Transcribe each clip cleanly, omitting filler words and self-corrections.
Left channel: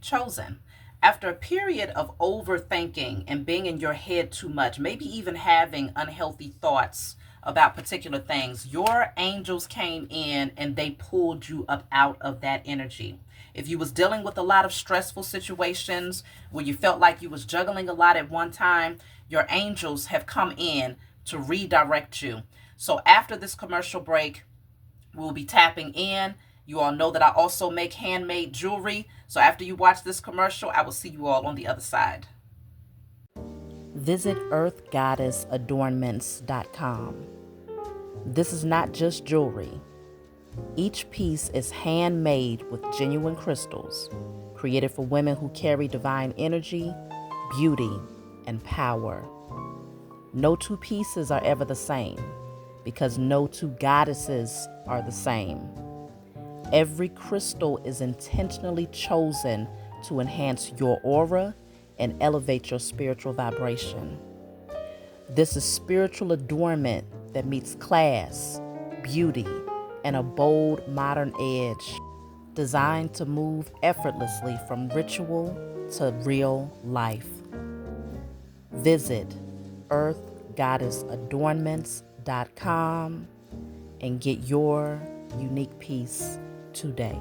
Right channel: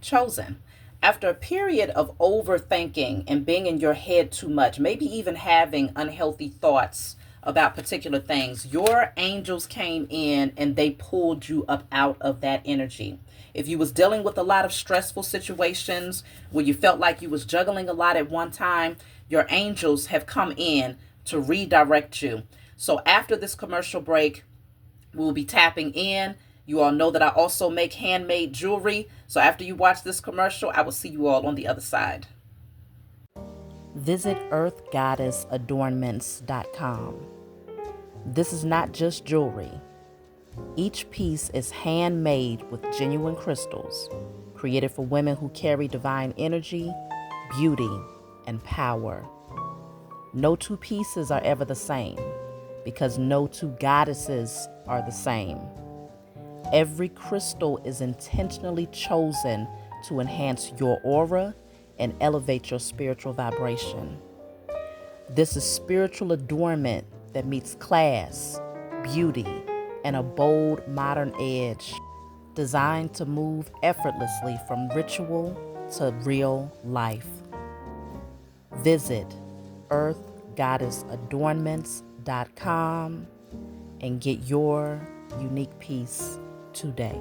Chosen. After a period of overthinking and being in your head too much, maybe even having unhealthy thoughts about particular things, your angels came in and they pulled you up out of that energy. If you was dealing with a lot of stressful situations where you felt like you was juggling a lot at one time, your angels have come in to redirect you. So after this commercial break, we will be tapping in. You all know that I also make handmade jewelry. So after you watch this commercial, I will see you all on the other side. Visit earthgoddessadornments.com. This is not just jewelry. Each piece is handmade with genuine crystals, created for women who carry divine energy, beauty, and power. No two pieces are ever the same, because no two goddesses are the same. Every crystal is intentionally chosen to enhance your aura and elevate your spiritual vibration. This is spiritual adornment that meets class, beauty, and a bold modern edge, designed to move effortlessly from ritual to real life. Visit earthgoddessadornments.com and get your unique piece today.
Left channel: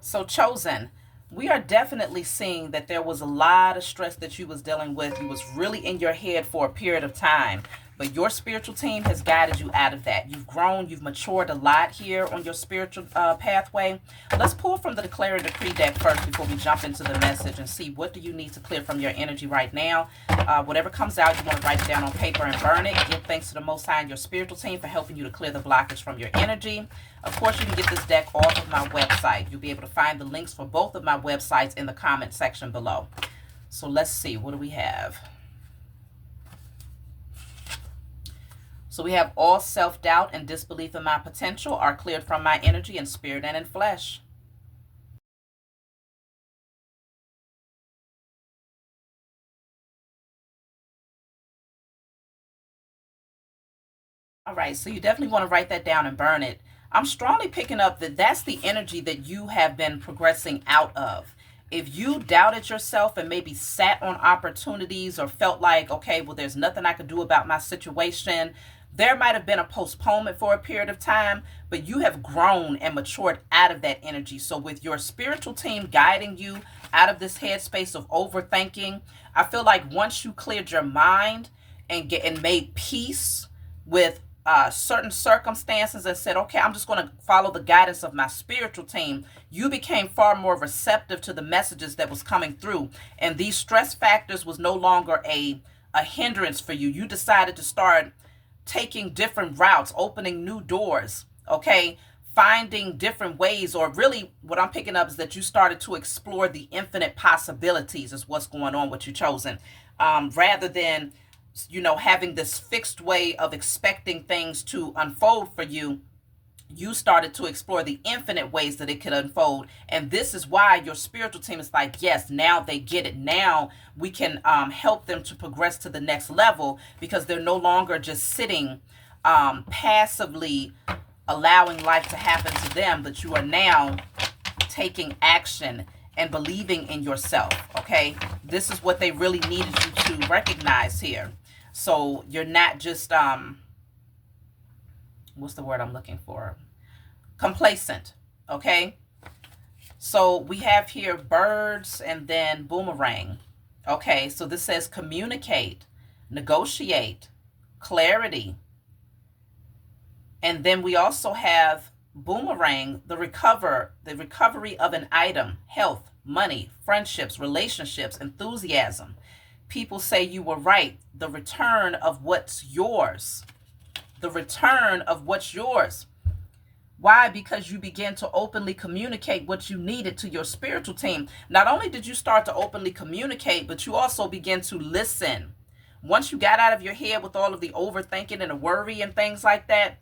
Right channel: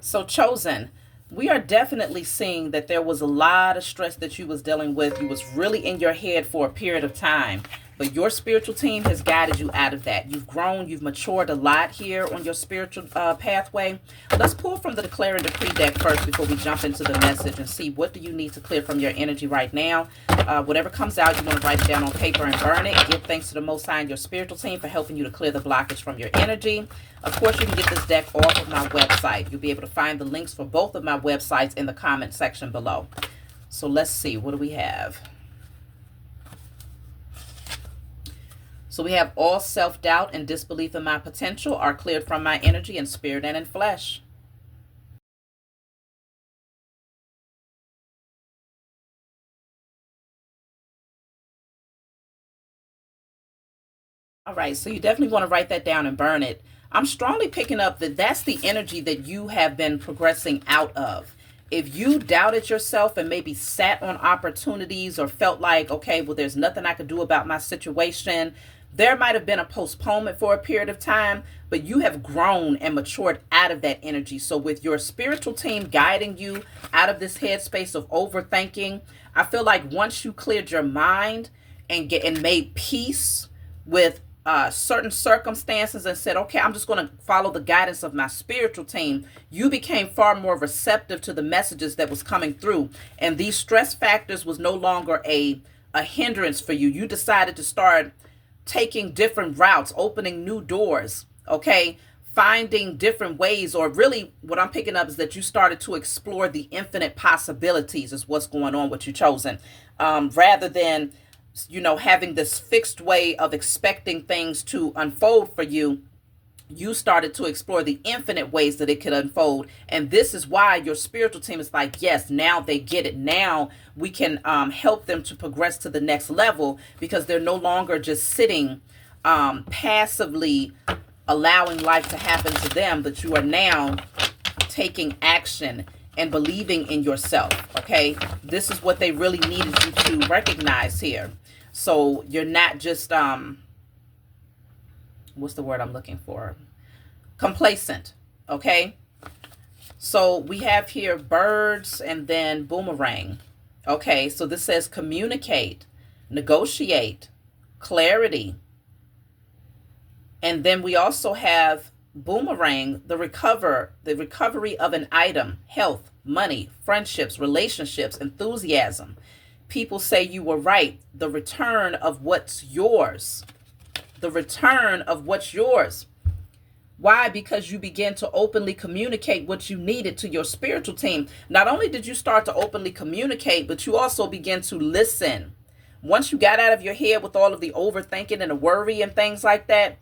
So chosen, we are definitely seeing that there was a lot of stress that you was dealing with. You was really in your head for a period of time. But your spiritual team has guided you out of that. You've grown, you've matured a lot here on your spiritual pathway. Let's pull from the Declare and Decree deck first before we jump into the message and see what do you need to clear from your energy right now. Whatever comes out, you want to write it down on paper and burn it. Give thanks to the Most High and your spiritual team for helping you to clear the blockage from your energy. Of course, you can get this deck off of my website. You'll be able to find the links for both of my websites in the comment section below. So let's see, what do we have? So we have all self-doubt and disbelief in my potential are cleared from my energy in spirit and in flesh. All right, so you definitely want to write that down and burn it. I'm strongly picking up that that's the energy that you have been progressing out of. If you doubted yourself and maybe sat on opportunities or felt like, okay, well, there's nothing I could do about my situation, there might have been a postponement for a period of time, but you have grown and matured out of that energy. So with your spiritual team guiding you out of this headspace of overthinking, I feel like once you cleared your mind and made peace with certain circumstances and said, okay, I'm just going to follow the guidance of my spiritual team, you became far more receptive to the messages that was coming through. And these stress factors was no longer a hindrance for you. You decided to start taking different routes, opening new doors, okay? Finding different ways, or really what I'm picking up is that you started to explore the infinite possibilities is what's going on with you, chosen. Rather than having this fixed way of expecting things to unfold for you, you started to explore the infinite ways that it could unfold. And this is why your spiritual team is like, yes, now they get it. Now we can help them to progress to the next level, because they're no longer just sitting passively allowing life to happen to them, but you are now taking action and believing in yourself. Okay, this is what they really needed you to recognize here. So you're not just what's the word I'm looking for? Complacent. Okay, so we have here birds and then boomerang. Okay, so this says communicate, negotiate, clarity. And then we also have boomerang, the recovery of an item, health, money, friendships, relationships, enthusiasm. People say you were right. The return of what's yours. The return of what's yours. Why? Because you began to openly communicate what you needed to your spiritual team. Not only did you start to openly communicate, but you also began to listen. Once you got out of your head with all of the overthinking and the worry and things like that,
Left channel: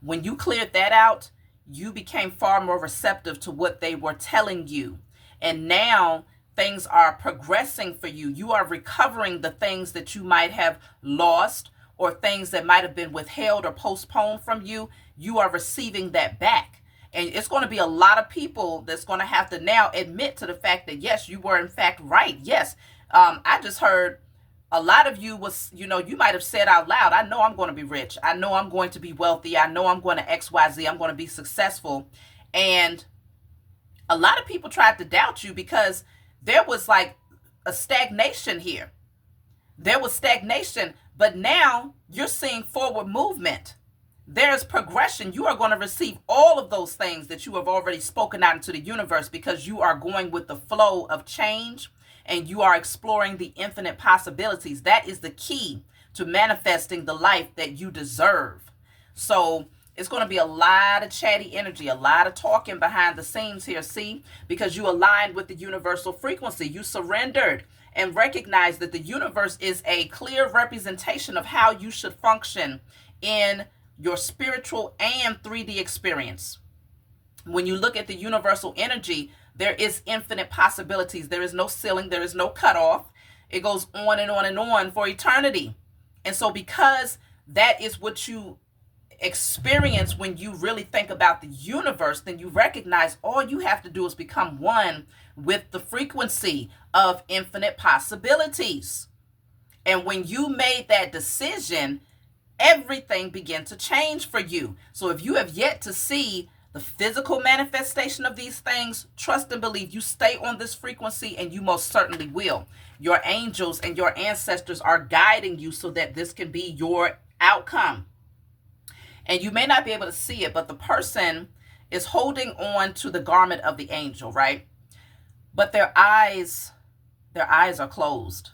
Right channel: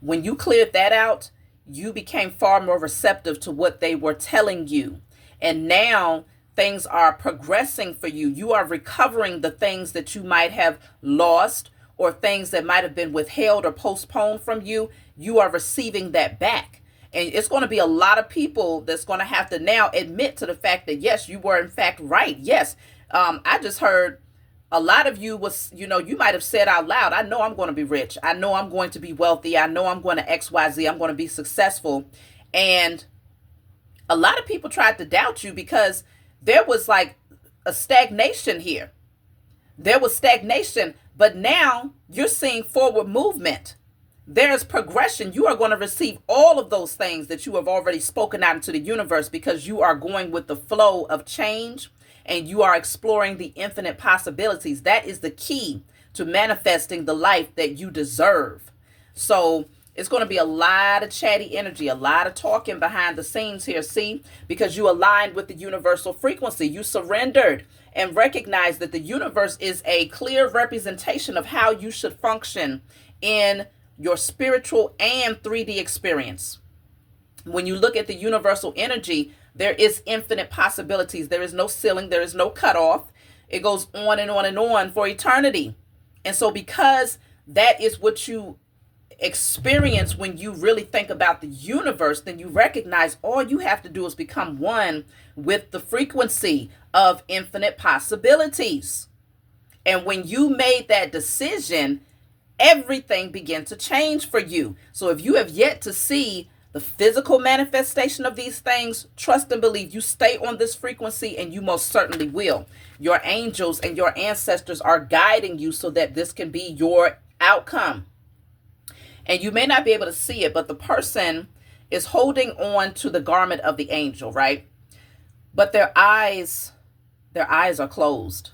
when you cleared that out, you became far more receptive to what they were telling you. And now Things are progressing for you. You are recovering the things that you might have lost or things that might have been withheld or postponed from you. You are receiving that back. And it's going to be a lot of people that's going to have to now admit to the fact that, yes, you were in fact right. Yes, I just heard a lot of you was, you might have said out loud, I know I'm going to be rich. I know I'm going to be wealthy. I know I'm going to XYZ. I'm going to be successful. And a lot of people tried to doubt you because there was like a stagnation here. There was stagnation, but now you're seeing forward movement. There's progression. You are going to receive all of those things that you have already spoken out into the universe because you are going with the flow of change and you are exploring the infinite possibilities. That is the key to manifesting the life that you deserve. So it's going to be a lot of chatty energy, a lot of talking behind the scenes here, see, because you aligned with the universal frequency. You surrendered and recognized that the universe is a clear representation of how you should function in your spiritual and 3D experience. When you look at the universal energy, there is infinite possibilities. There is no ceiling. There is no cutoff. It goes on and on and on for eternity. And so because that is what you experience when you really think about the universe, then you recognize all you have to do is become one with the frequency of infinite possibilities. And when you made that decision, everything began to change for you. So if you have yet to see the physical manifestation of these things, trust and believe. You stay on this frequency and you most certainly will. Your angels and your ancestors are guiding you so that this can be your outcome. And you may not be able to see it, but the person is holding on to the garment of the angel, right? But their eyes are closed.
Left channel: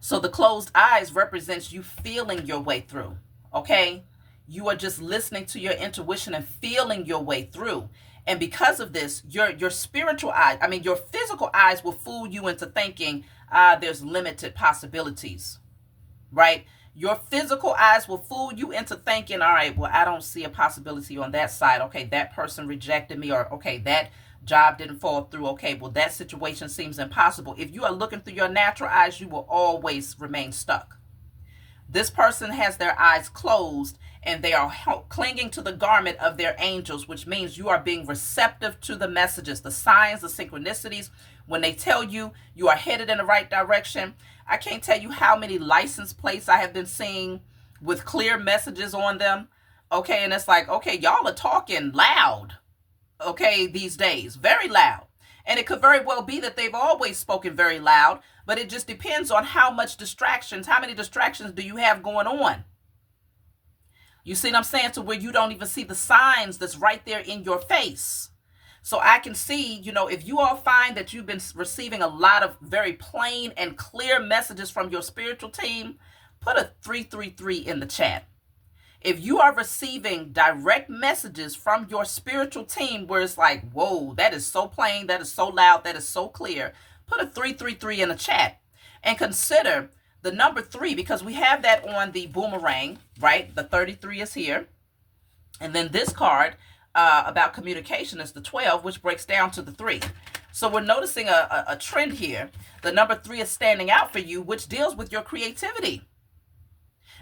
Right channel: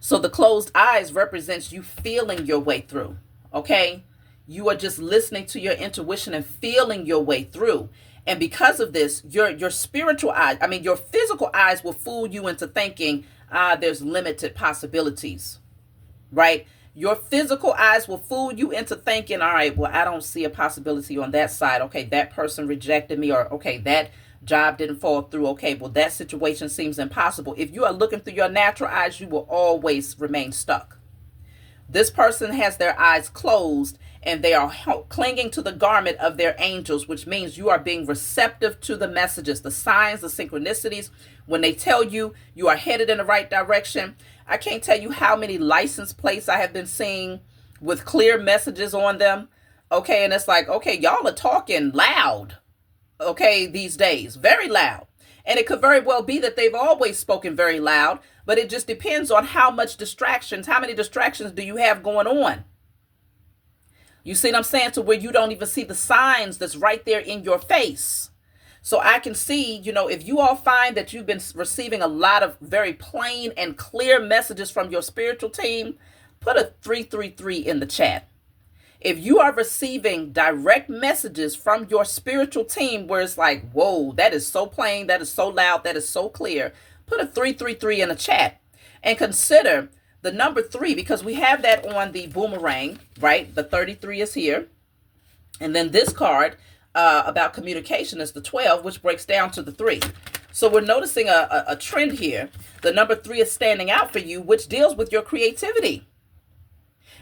So the closed eyes represents you feeling your way through, okay? You are just listening to your intuition and feeling your way through. And because of this, your spiritual eyes, your physical eyes will fool you into thinking, there's limited possibilities, right? Your physical eyes will fool you into thinking, all right, well, I don't see a possibility on that side. Okay, that person rejected me, or okay, that job didn't fall through. Okay, well, that situation seems impossible. If you are looking through your natural eyes, you will always remain stuck. This person has their eyes closed and they are clinging to the garment of their angels, which means you are being receptive to the messages, the signs, the synchronicities. When they tell you you are headed in the right direction, I can't tell you how many license plates I have been seeing with clear messages on them. Okay, and it's like, okay, y'all are talking loud, okay, these days, very loud. And it could very well be that they've always spoken very loud, but it just depends on how many distractions do you have going on? You see what I'm saying? To where you don't even see the signs that's right there in your face. So I can see, if you all find that you've been receiving a lot of very plain and clear messages from your spiritual team, put a 333 in the chat. If you are receiving direct messages from your spiritual team where it's like, whoa, that is so plain, that is so loud, that is so clear, put a 333 in the chat. And consider the number 3, because we have that on the boomerang, right? The 33 is here. And then this card about communication is the 12, which breaks down to the 3. So we're noticing a trend here. The number 3 is standing out for you, which deals with your creativity.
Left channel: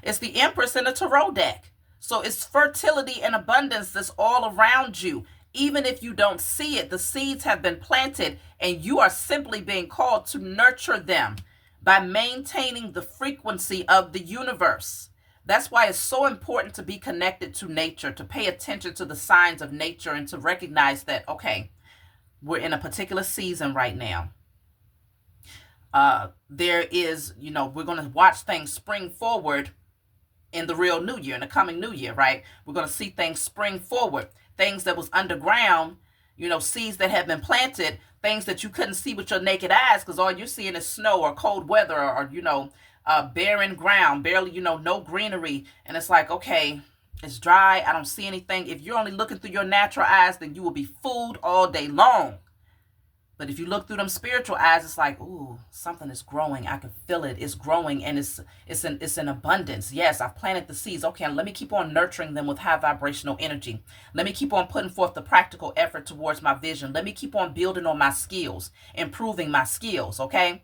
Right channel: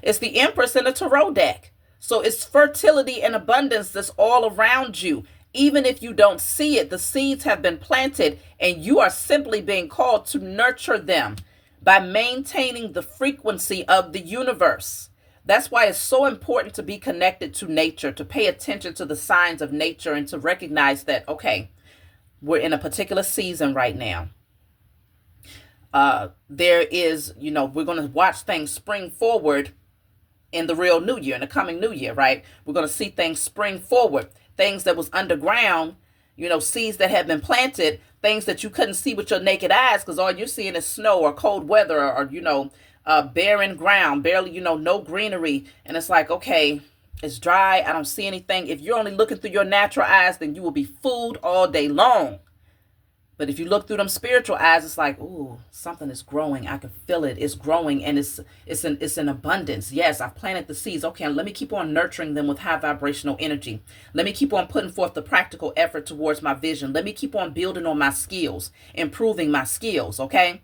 It's the Empress in the Tarot deck. So it's fertility and abundance that's all around you. Even if you don't see it, the seeds have been planted and you are simply being called to nurture them by maintaining the frequency of the universe. That's why it's so important to be connected to nature, to pay attention to the signs of nature and to recognize that, okay, we're in a particular season right now. There is, we're going to watch things spring forward in the real new year, in the coming new year, right? We're going to see things spring forward, things that was underground, seeds that have been planted, things that you couldn't see with your naked eyes because all you're seeing is snow or cold weather or barren ground, barely, no greenery. And it's like, okay, it's dry. I don't see anything. If you're only looking through your natural eyes, then you will be fooled all day long. But if you look through them spiritual eyes, it's like, ooh, something is growing. I can feel it. It's growing, and it's in abundance. Yes, I've planted the seeds. Okay, let me keep on nurturing them with high vibrational energy. Let me keep on putting forth the practical effort towards my vision. Let me keep on building on my skills, improving my skills, okay?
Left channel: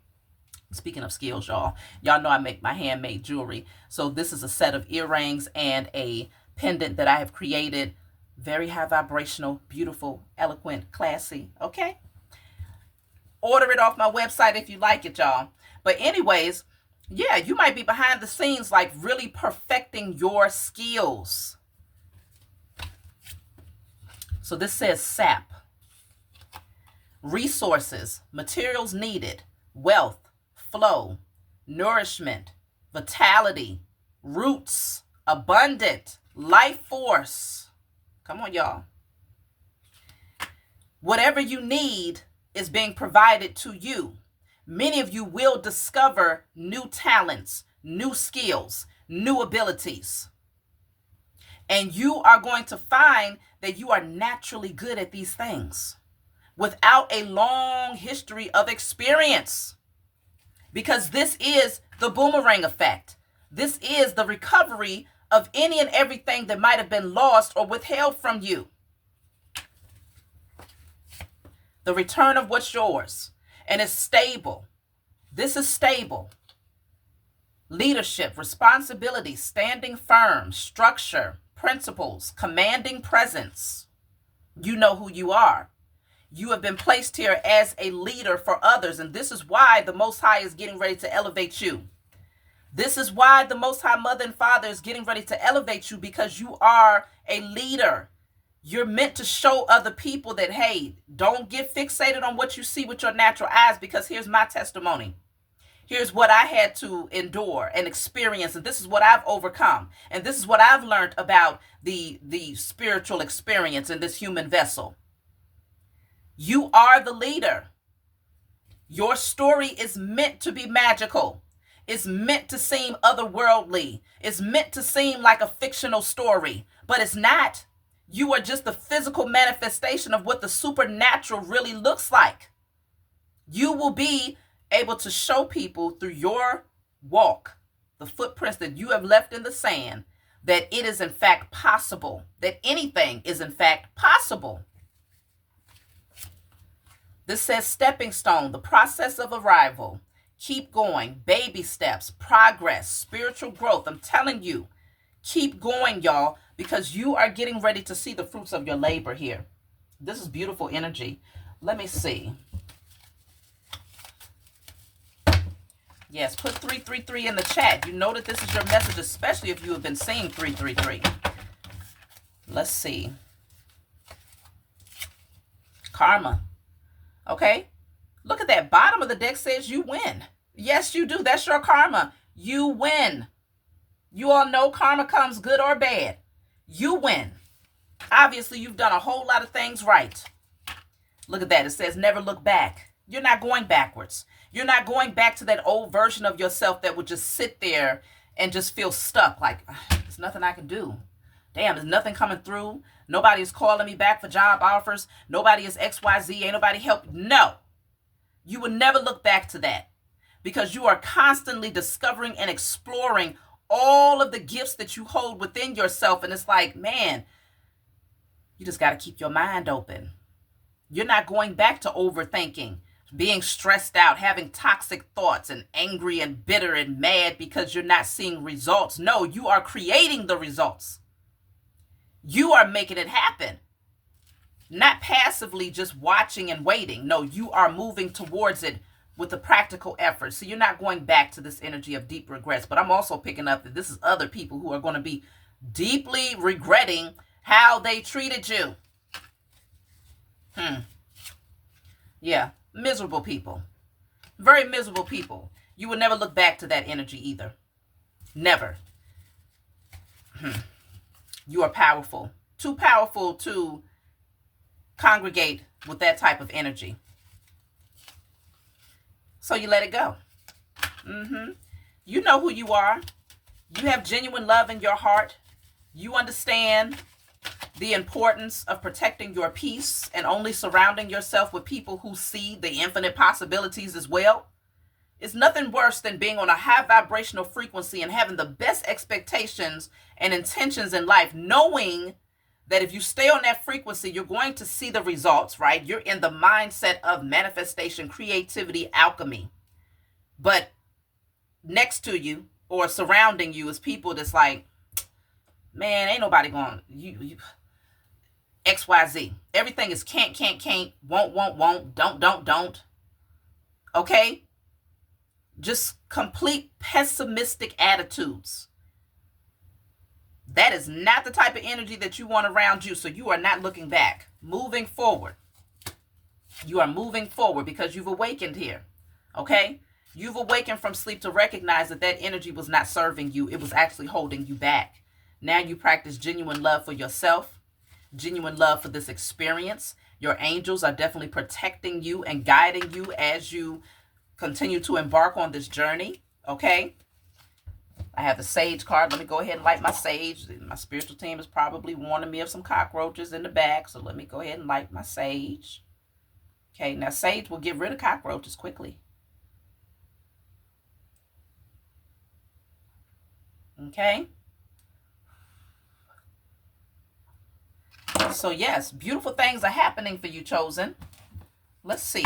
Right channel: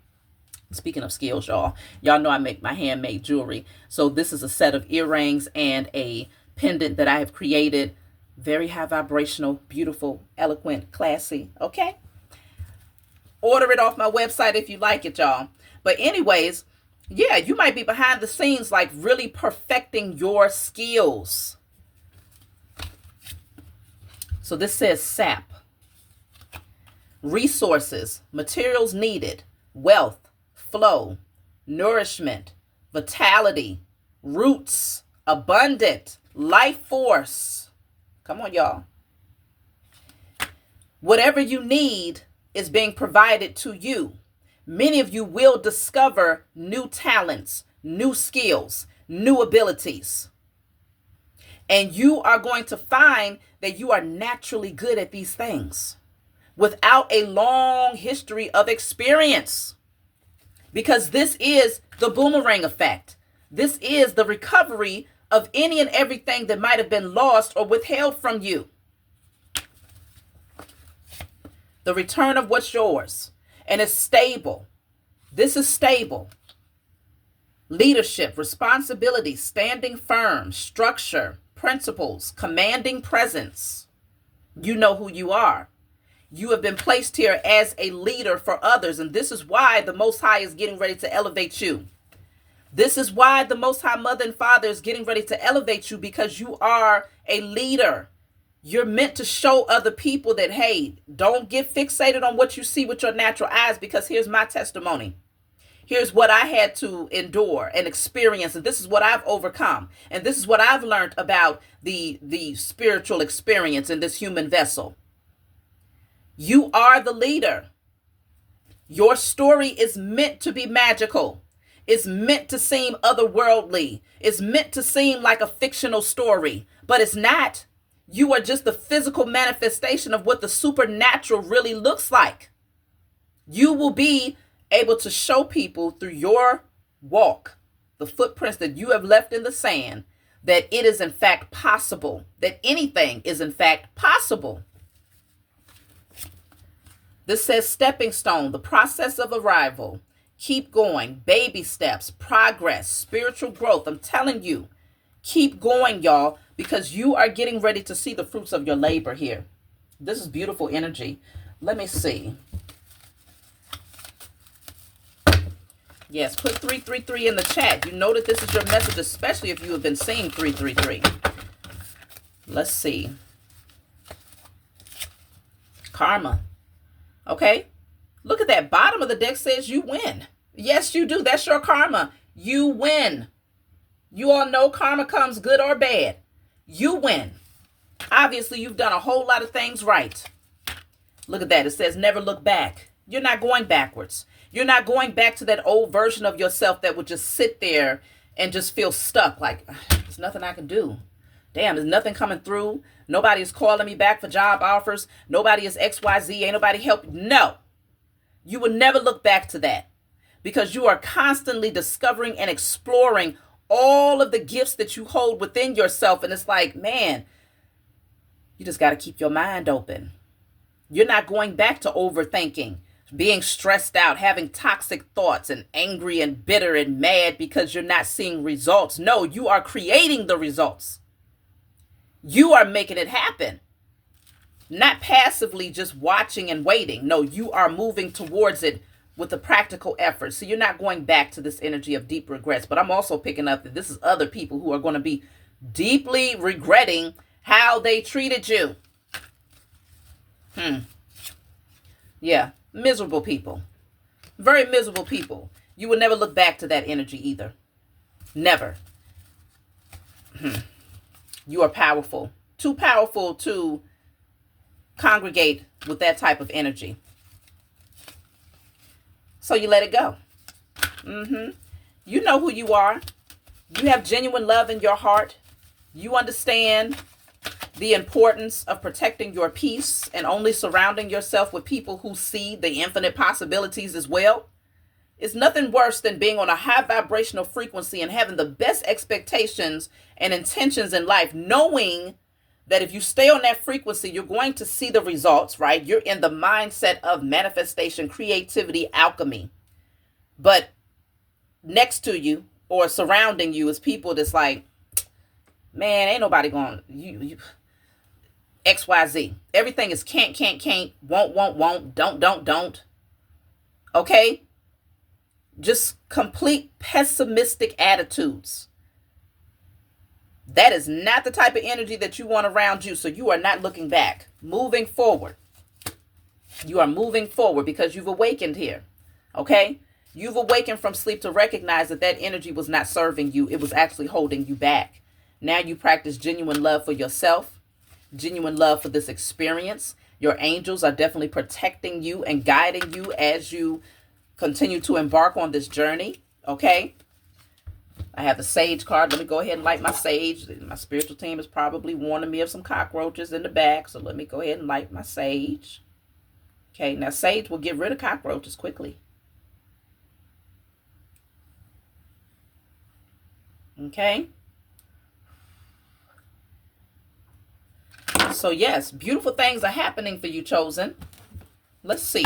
Speaking of skills, y'all know I make my handmade jewelry. So this is a set of earrings and a pendant that I have created. Very high vibrational, beautiful, eloquent, classy, okay? Order it off my website if you like it, y'all. But anyways, yeah, you might be behind the scenes, like really perfecting your skills. So this says SAP. Resources, materials needed, wealth, flow, nourishment, vitality, roots, abundant, life force. Come on, y'all. Whatever you need is being provided to you. Many of you will discover new talents, new skills, new abilities. And you are going to find that you are naturally good at these things without a long history of experience. Because this is the boomerang effect. This is the recovery of any and everything that might have been lost or withheld from you. The return of what's yours. And it's stable. This is stable. Leadership, responsibility, standing firm, structure, principles, commanding presence. You know who you are. You have been placed here as a leader for others. And this is why the Most High is getting ready to elevate you. This is why the Most High Mother and Father is getting ready to elevate you, because you are a leader. You're meant to show other people that, hey, don't get fixated on what you see with your natural eyes, because here's my testimony. Here's what I had to endure and experience, and this is what I've overcome. And this is what I've learned about the spiritual experience in this human vessel. You are the leader. Your story is meant to be magical. It's meant to seem otherworldly. It's meant to seem like a fictional story, but it's not. You are just the physical manifestation of what the supernatural really looks like. You will be able to show people through your walk, the footprints that you have left in the sand, that it is in fact possible, that anything is in fact possible. This says stepping stone, the process of arrival. Keep going, baby steps, progress, spiritual growth. I'm telling you, keep going, y'all, because you are getting ready to see the fruits of your labor here. This is beautiful energy. Let me see. Yes, put 333 in the chat. You know that this is your message, especially if you have been seeing 333. Let's see. Karma. Okay. Look at that. Bottom of the deck says you win. Yes, you do. That's your karma. You win. You all know karma comes good or bad. You win. Obviously, you've done a whole lot of things right. Look at that. It says never look back. You're not going backwards. You're not going back to that old version of yourself that would just sit there and just feel stuck. Like, there's nothing I can do. Damn, there's nothing coming through. Nobody is calling me back for job offers. Nobody is XYZ. Ain't nobody help. No. You will never look back to that, because you are constantly discovering and exploring all of the gifts that you hold within yourself. And it's like, man, you just got to keep your mind open. You're not going back to overthinking, being stressed out, having toxic thoughts, and angry and bitter and mad because you're not seeing results. No, you are creating the results. You are making it happen. Not passively just watching and waiting. No, you are moving towards it with a practical effort. So you're not going back to this energy of deep regrets. But I'm also picking up that this is other people who are going to be deeply regretting how they treated you. Yeah, miserable people. Very miserable people. You will never look back to that energy either. Never. You are powerful. Too powerful to congregate with that type of energy. So you let it go. You know who you are. You have genuine love in your heart. You understand the importance of protecting your peace and only surrounding yourself with people who see the infinite possibilities as well. It's nothing worse than being on a high vibrational frequency and having the best expectations and intentions in life, knowing that if you stay on that frequency, you're going to see the results, right? You're in the mindset of manifestation, creativity, alchemy. But next to you or surrounding you is people that's like, man, ain't nobody going, you XYZ. Everything is can't, won't, don't. Okay? Just complete pessimistic attitudes. That is not the type of energy that you want around you. So you are not looking back. Moving forward. You are moving forward because you've awakened here. Okay? You've awakened from sleep to recognize that that energy was not serving you. It was actually holding you back. Now you practice genuine love for yourself. Genuine love for this experience. Your angels are definitely protecting you and guiding you as you continue to embark on this journey. Okay? I have the sage card. Let me go ahead and light my sage. My spiritual team is probably warning me of some cockroaches in the back. So let me go ahead and light my sage. Okay, now sage will get rid of cockroaches quickly. Okay. So yes, beautiful things are happening for you, chosen. Let's see.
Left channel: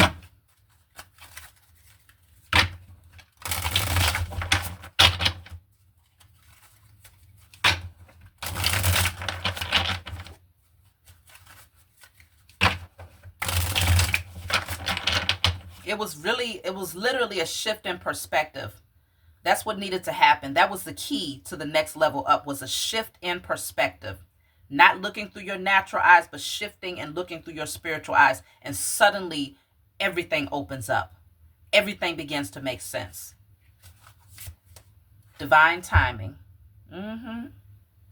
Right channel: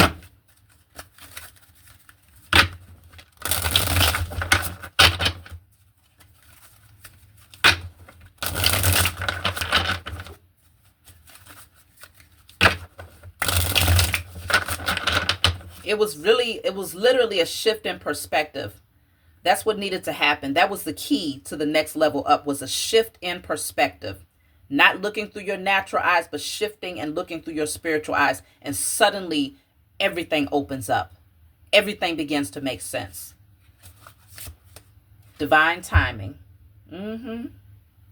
It was literally a shift in perspective. That's what needed to happen. That was the key to the next level up, was a shift in perspective. Not looking through your natural eyes, but shifting and looking through your spiritual eyes. And suddenly everything opens up. Everything begins to make sense. Divine timing.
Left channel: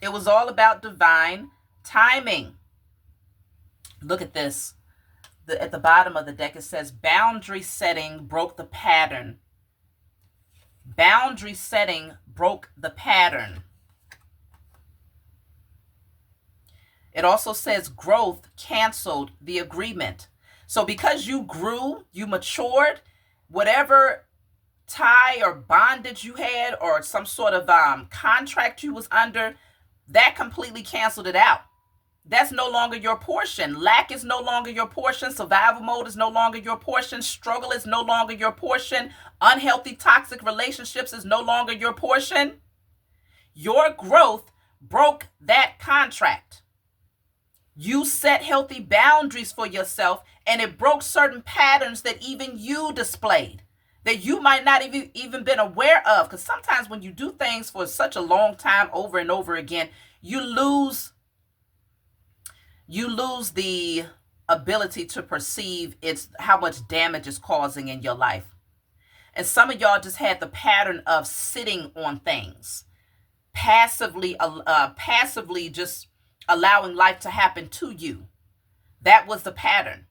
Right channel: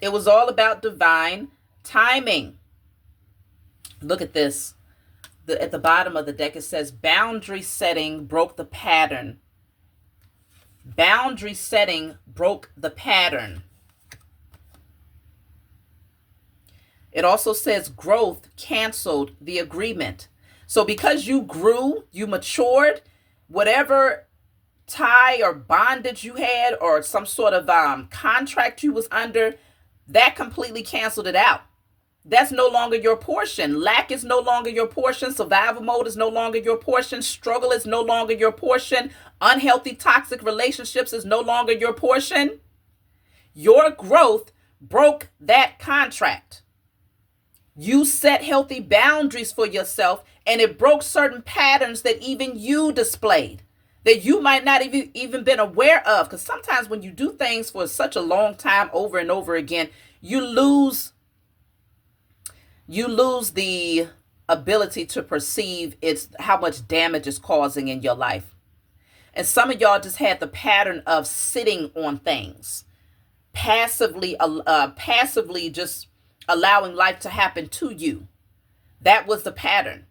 It was all about divine timing. Look at this. At the bottom of the deck, it says boundary setting broke the pattern. Boundary setting broke the pattern. It also says growth canceled the agreement. So because you grew, you matured, whatever tie or bondage you had or some sort of contract you was under, that completely canceled it out. That's no longer your portion. Lack is no longer your portion. Survival mode is no longer your portion. Struggle is no longer your portion. Unhealthy, toxic relationships is no longer your portion. Your growth broke that contract. You set healthy boundaries for yourself, and it broke certain patterns that even you displayed, that you might not even been aware of. Because sometimes when you do things for such a long time over and over again, you lose the ability to perceive how much damage it's causing in your life. And some of y'all just had the pattern of sitting on things, passively just allowing life to happen to you. That was the pattern.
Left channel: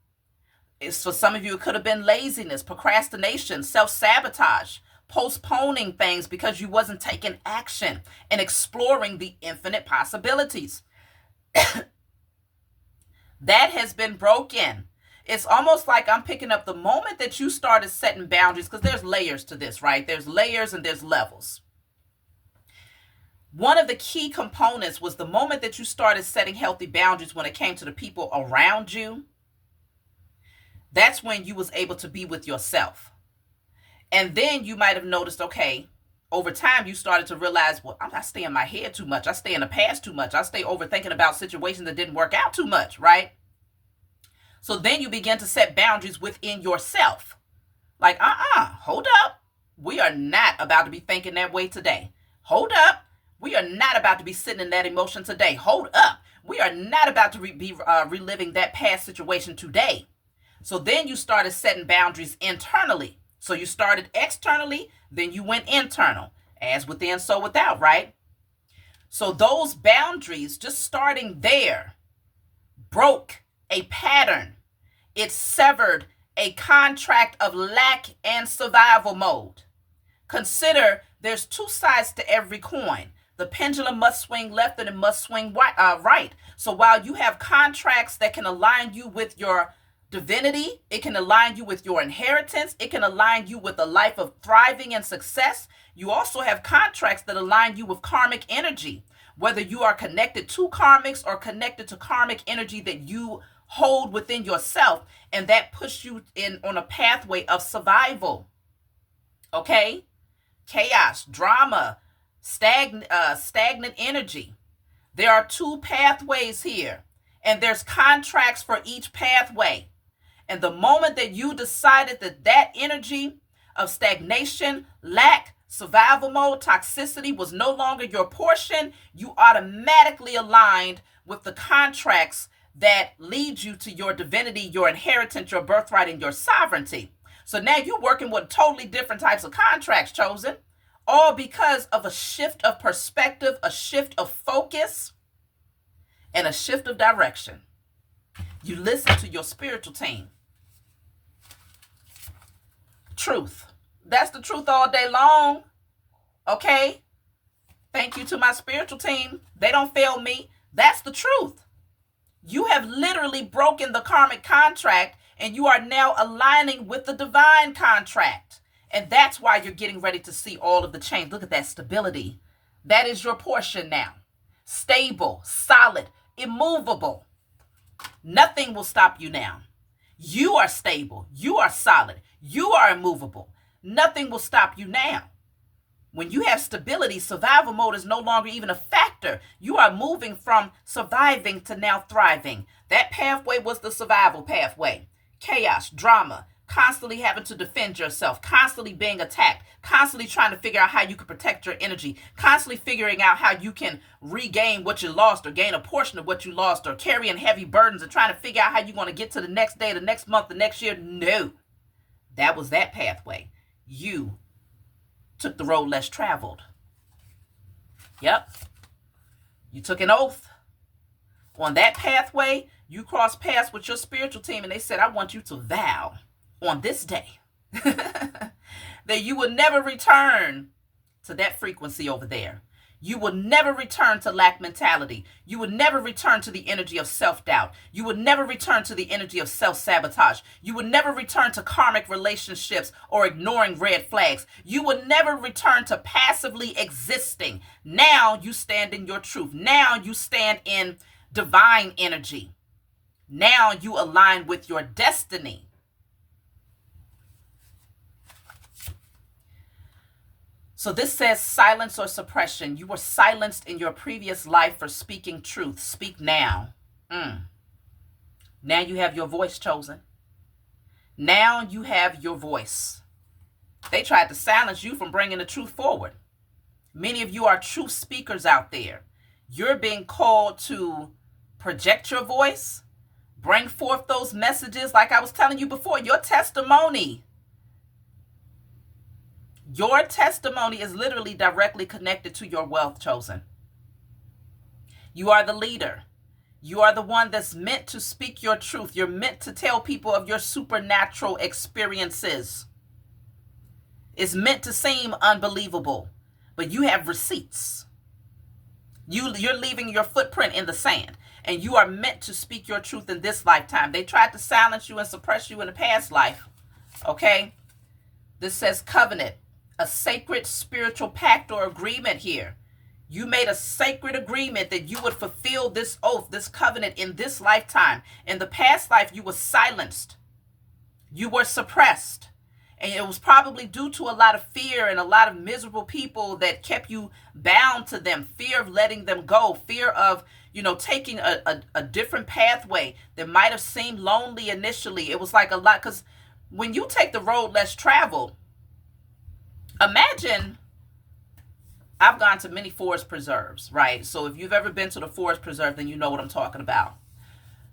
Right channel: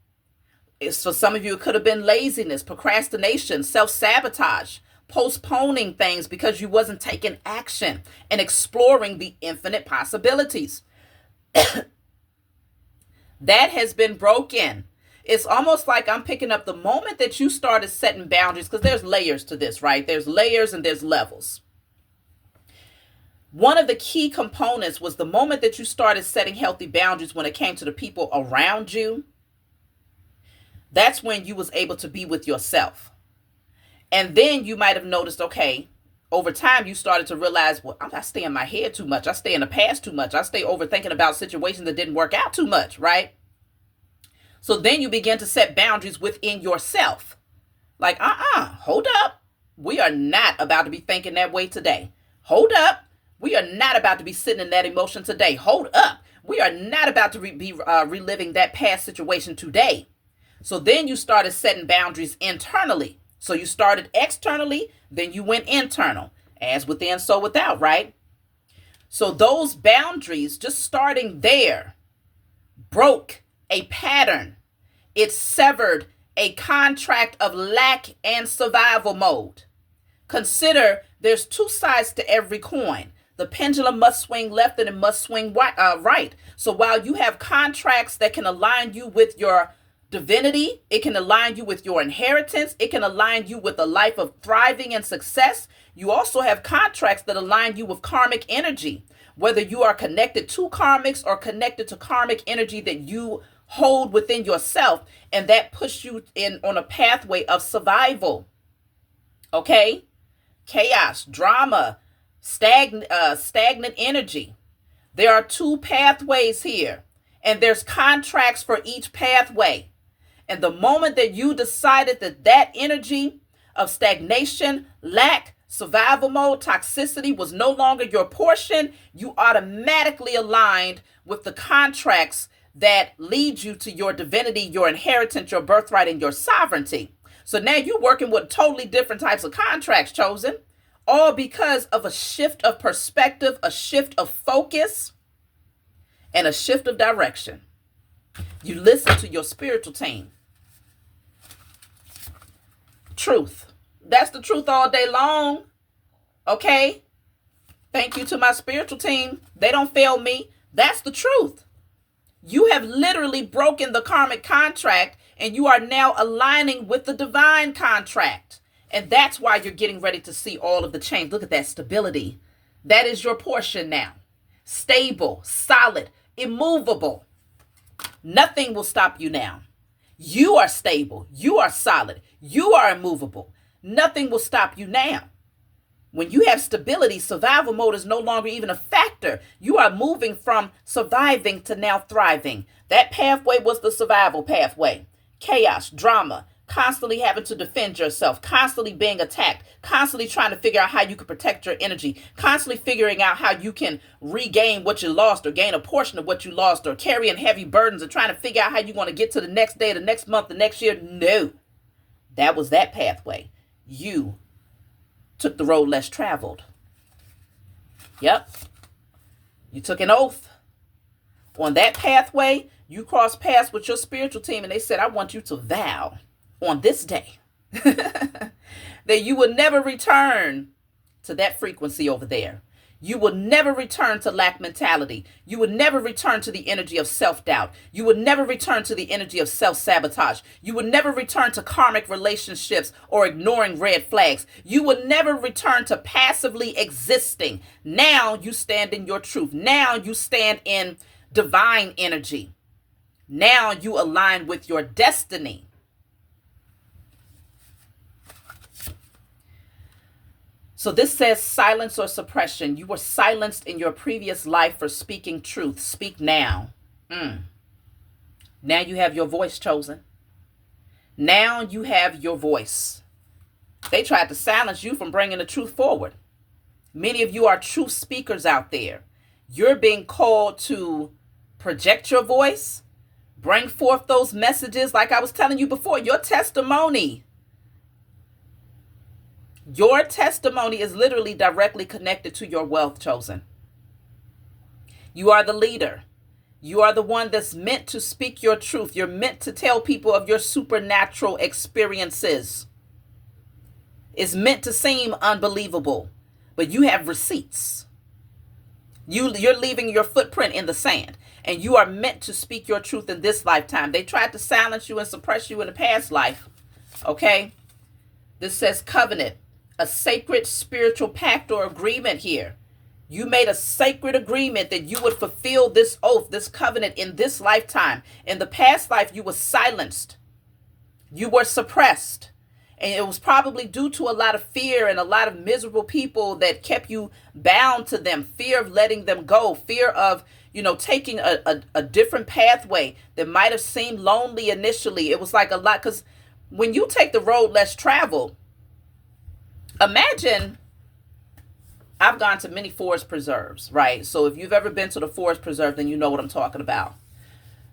For some of you, it could have been laziness, procrastination, self-sabotage, postponing things because you wasn't taking action and exploring the infinite possibilities. That has been broken. It's almost like I'm picking up the moment that you started setting boundaries, because there's layers to this, right? There's layers and there's levels. One of the key components was the moment that you started setting healthy boundaries when it came to the people around you. That's when you was able to be with yourself. And then you might have noticed, okay, over time you started to realize, well, I stay in my head too much. I stay in the past too much. I stay overthinking about situations that didn't work out too much, right? So then you begin to set boundaries within yourself. Like, hold up. We are not about to be thinking that way today. Hold up. We are not about to be sitting in that emotion today. Hold up. We are not about to be reliving that past situation today. So then you started setting boundaries internally. So you started externally, then you went internal. As within, so without, right? So those boundaries, just starting there, broke a pattern. It severed a contract of lack and survival mode. Consider there's two sides to every coin. The pendulum must swing left and it must swing right. So while you have contracts that can align you with your divinity, it can align you with your inheritance, it can align you with a life of thriving and success. You also have contracts that align you with karmic energy, whether you are connected to karmics or connected to karmic energy that you hold within yourself, and that puts you in on a pathway of survival. Okay? Chaos, drama, stagnant energy. There are two pathways here, and there's contracts for each pathway. And the moment that you decided that that energy of stagnation, lack, survival mode, toxicity was no longer your portion, you automatically aligned with the contracts that lead you to your divinity, your inheritance, your birthright, and your sovereignty. So now you're working with totally different types of contracts, chosen, all because of a shift of perspective, a shift of focus, and a shift of direction. You listen to your spiritual team. Truth. That's the truth all day long. Okay? Thank you to my spiritual team. They don't fail me. That's the truth. You have literally broken the karmic contract, and you are now aligning with the divine contract. And that's why you're getting ready to see all of the change. Look at that stability. That is your portion now. Stable, solid, immovable. Nothing will stop you now. You are stable. You are solid. You are immovable. Nothing will stop you now. When you have stability, survival mode is no longer even a factor. You are moving from surviving to now thriving. That pathway was the survival pathway. Chaos, drama, constantly having to defend yourself, constantly being attacked, constantly trying to figure out how you can protect your energy, constantly figuring out how you can regain what you lost or gain a portion of what you lost, or carrying heavy burdens and trying to figure out how you want to get to the next day, the next month, the next year. No, that was that pathway. You took the road less traveled. Yep. You took an oath. On that pathway, you crossed paths with your spiritual team, and they said, I want you to vow on this day that you will never return to that frequency over there. You will never return to lack mentality. You will never return to the energy of self-doubt. You will never return to the energy of self-sabotage. You will never return to karmic relationships or ignoring red flags. You will never return to passively existing. Now you stand in your truth. Now you stand in divine energy. Now you align with your destiny. So this says silence or suppression. You were silenced in your previous life for speaking truth. Speak now. Now you have your voice, chosen. Now you have your voice. They tried to silence you from bringing the truth forward. Many of you are truth speakers out there. You're being called to project your voice, bring forth those messages. Like I was telling you before, your testimony is literally directly connected to your wealth, chosen. You are the leader. You are the one that's meant to speak your truth. You're meant to tell people of your supernatural experiences. It's meant to seem unbelievable, but you have receipts. You're leaving your footprint in the sand, and you are meant to speak your truth in this lifetime. They tried to silence you and suppress you in the past life. Okay? This says covenant. A sacred spiritual pact or agreement here. You made a sacred agreement that you would fulfill this oath, this covenant in this lifetime. In the past life, you were silenced. You were suppressed. And it was probably due to a lot of fear and a lot of miserable people that kept you bound to them. Fear of letting them go. Fear of, taking a different pathway that might have seemed lonely initially. It was like a lot, because when you take the road less traveled, imagine, I've gone to many forest preserves, right? So if you've ever been to the forest preserve, then you know what I'm talking about.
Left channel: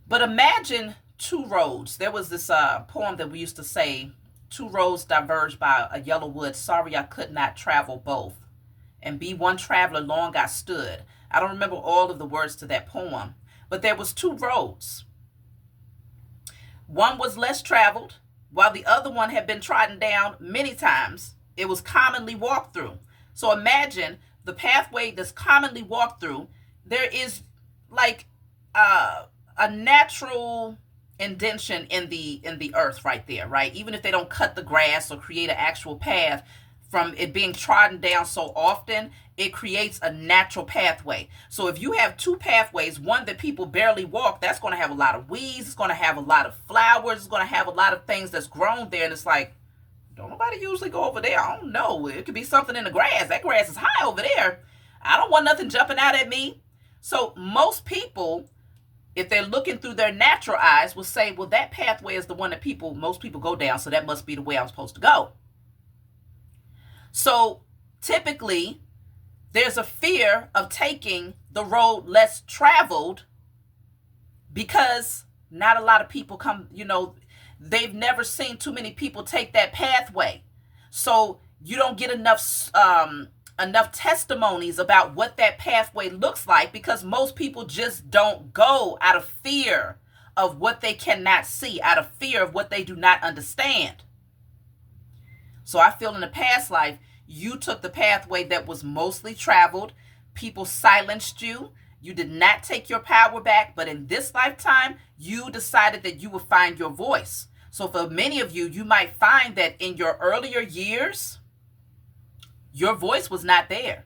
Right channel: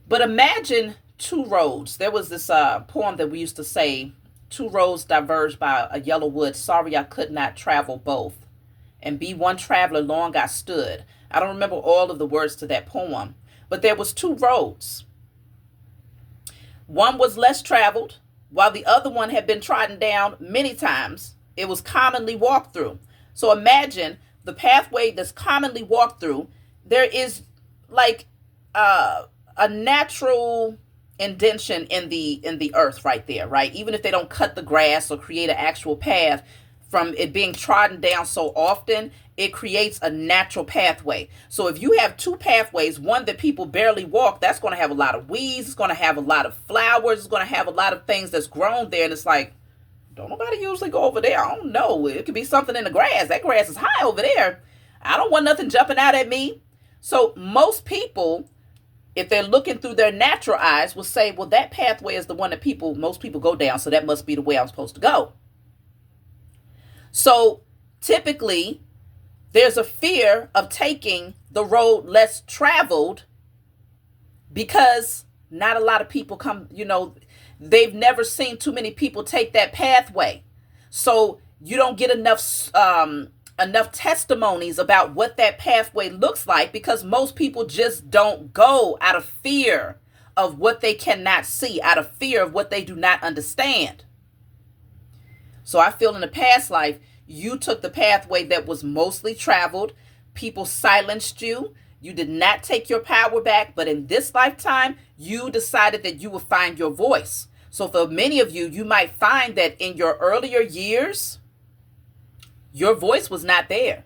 But imagine two roads. There was this poem that we used to say, two roads diverged by a yellow wood. Sorry, I could not travel both. And be one traveler long I stood. I don't remember all of the words to that poem, but there was two roads. One was less traveled, while the other one had been trodden down many times. It was commonly walked through. So imagine the pathway that's commonly walked through, there is like a natural indention in the earth right there, right? Even if they don't cut the grass or create an actual path, from it being trodden down so often, it creates a natural pathway. So if you have two pathways, one that people barely walk, that's going to have a lot of weeds, it's going to have a lot of flowers, it's going to have a lot of things that's grown there, and it's like, don't nobody usually go over there. I don't know. It could be something in the grass. That grass is high over there. I don't want nothing jumping out at me. So most people, if they're looking through their natural eyes, will say, well, that pathway is the one that most people go down, so that must be the way I'm supposed to go. So typically, there's a fear of taking the road less traveled because not a lot of people come, they've never seen too many people take that pathway. So you don't get enough testimonies about what that pathway looks like, because most people just don't go out of fear of what they cannot see, out of fear of what they do not understand. So I feel in the past life, you took the pathway that was mostly traveled. People silenced you. You did not take your power back. But in this lifetime, you decided that you would find your voice. So for many of you, you might find that in your earlier years, your voice was not there.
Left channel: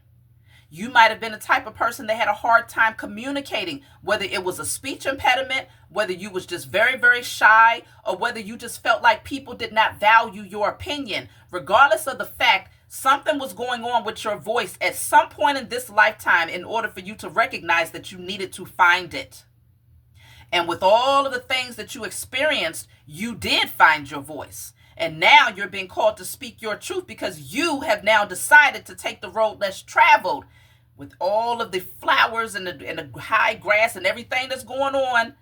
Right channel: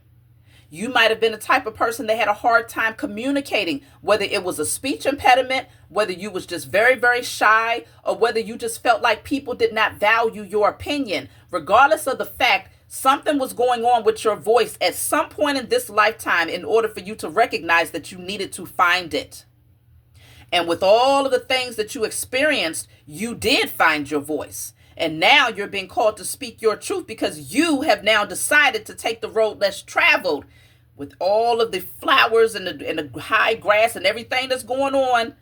You might have been the type of person that had a hard time communicating, whether it was a speech impediment, whether you was just very, very shy, or whether you just felt like people did not value your opinion. Regardless of the fact, something was going on with your voice at some point in this lifetime in order for you to recognize that you needed to find it. And with all of the things that you experienced, you did find your voice. And now you're being called to speak your truth because you have now decided to take the road less traveled, with all of the flowers and the high grass and everything that's going on.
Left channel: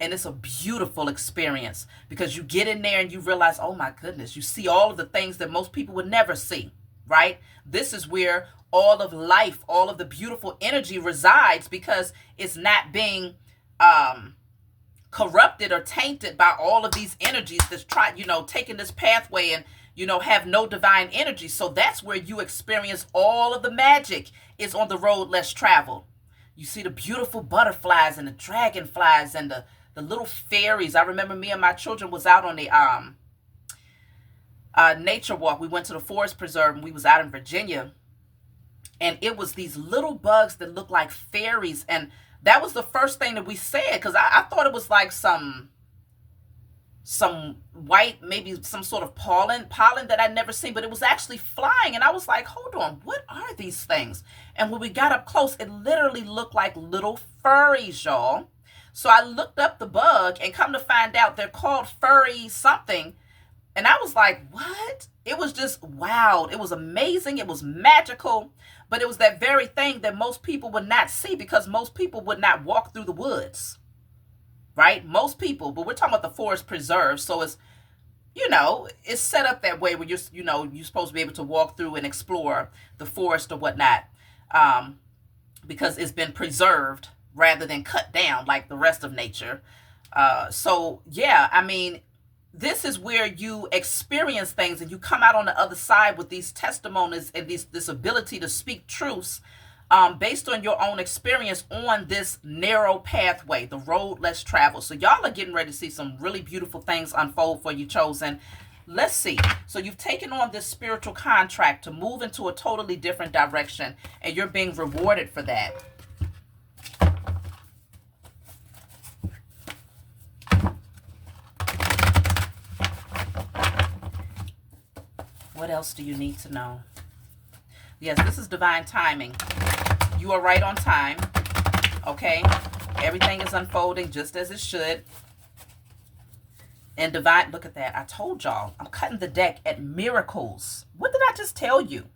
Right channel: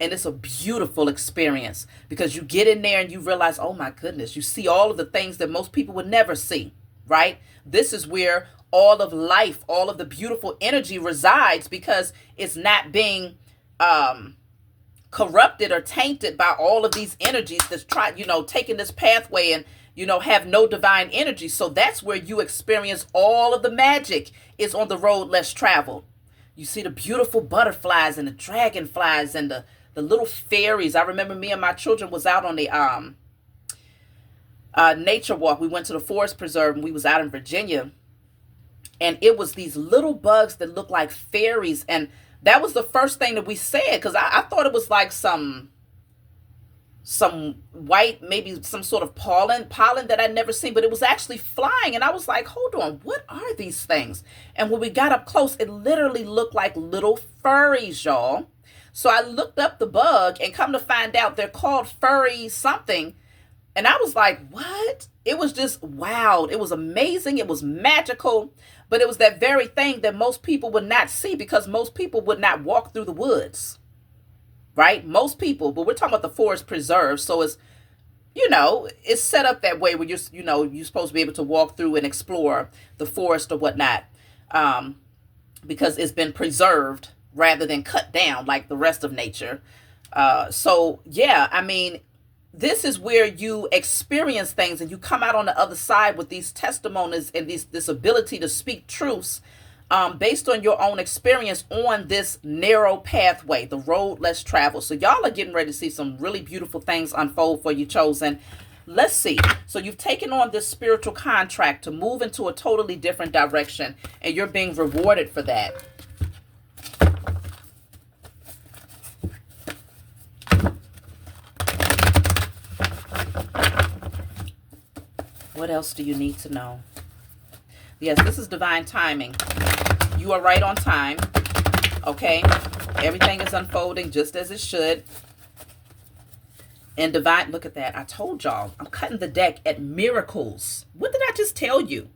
And it's a beautiful experience because you get in there and you realize, oh my goodness, you see all of the things that most people would never see, right? This is where all of life, all of the beautiful energy resides, because it's not being corrupted or tainted by all of these energies that's taking this pathway and, have no divine energy. So that's where you experience all of the magic, is on the road less traveled. You see the beautiful butterflies and the dragonflies and the little fairies. I remember me and my children was out on the nature walk. We went to the forest preserve and we was out in Virginia. And it was these little bugs that looked like fairies. And that was the first thing that we said, because I thought it was like some white, maybe some sort of pollen that I'd never seen, but it was actually flying. And I was like, hold on, what are these things? And when we got up close, it literally looked like little furries, y'all. So I looked up the bug, and come to find out they're called furry something. And I was like, what? It was just wow. It was amazing. It was magical. But it was that very thing that most people would not see, because most people would not walk through the woods, right? Most people, but we're talking about the forest preserve. So it's, it's set up that way where you're supposed to be able to walk through and explore the forest or whatnot, because it's been preserved rather than cut down like the rest of nature. So yeah, I mean, this is where you experience things and you come out on the other side with these testimonies and this ability to speak truths based on your own experience on this narrow pathway, the road less traveled. So y'all are getting ready to see some really beautiful things unfold for you, chosen. Let's see. So you've taken on this spiritual contract to move into a totally different direction, and you're being rewarded for that. What else do you need to know? Yes, this is divine timing. You are right on time. Okay? Everything is unfolding just as it should. And divine, look at that. I told y'all, I'm cutting the deck at miracles. What did I just tell you?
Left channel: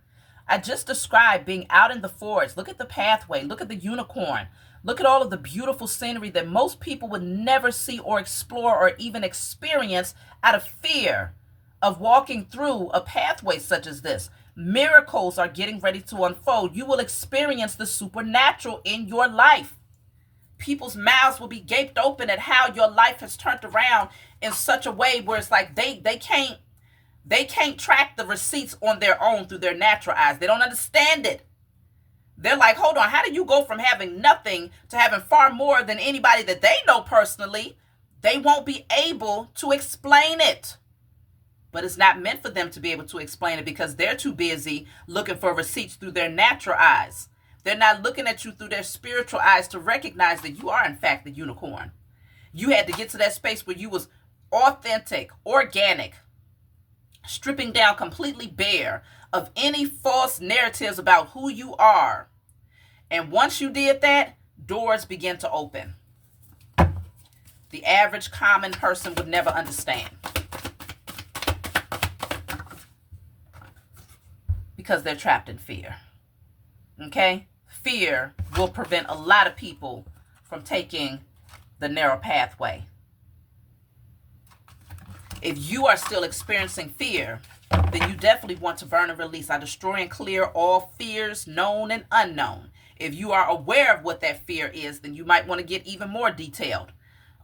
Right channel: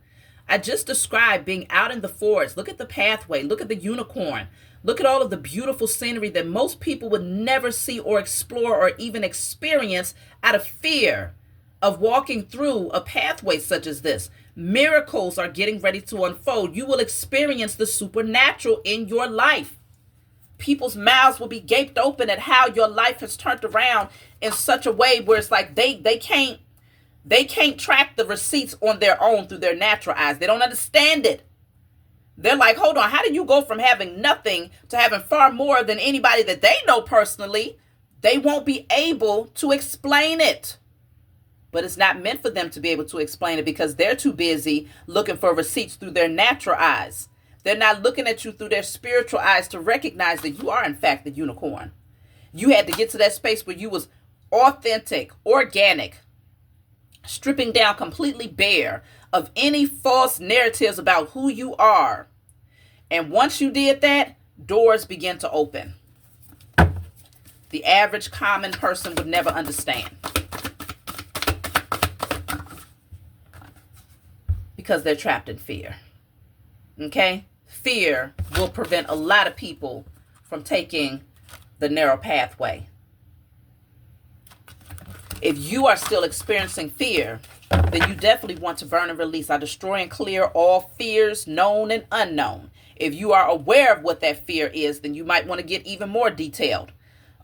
I just described being out in the forest. Look at the pathway. Look at the unicorn. Look at all of the beautiful scenery that most people would never see or explore or even experience out of fear of walking through a pathway such as this. Miracles are getting ready to unfold. You will experience the supernatural in your life. People's mouths will be gaped open at how your life has turned around in such a way where it's like they can't track the receipts on their own through their natural eyes. They don't understand it. They're like, hold on, how do you go from having nothing to having far more than anybody that they know personally? They won't be able to explain it. But it's not meant for them to be able to explain it because they're too busy looking for receipts through their natural eyes. They're not looking at you through their spiritual eyes to recognize that you are, in fact, the unicorn. You had to get to that space where you was authentic, organic, stripping down completely bare of any false narratives about who you are. And once you did that, doors begin to open. The average common person would never understand. Because they're trapped in fear. Okay? Fear will prevent a lot of people from taking the narrow pathway. If you are still experiencing fear, then you definitely want to burn and release. I destroy and clear all fears, known and unknown. If you are aware of what that fear is, then you might want to get even more detailed.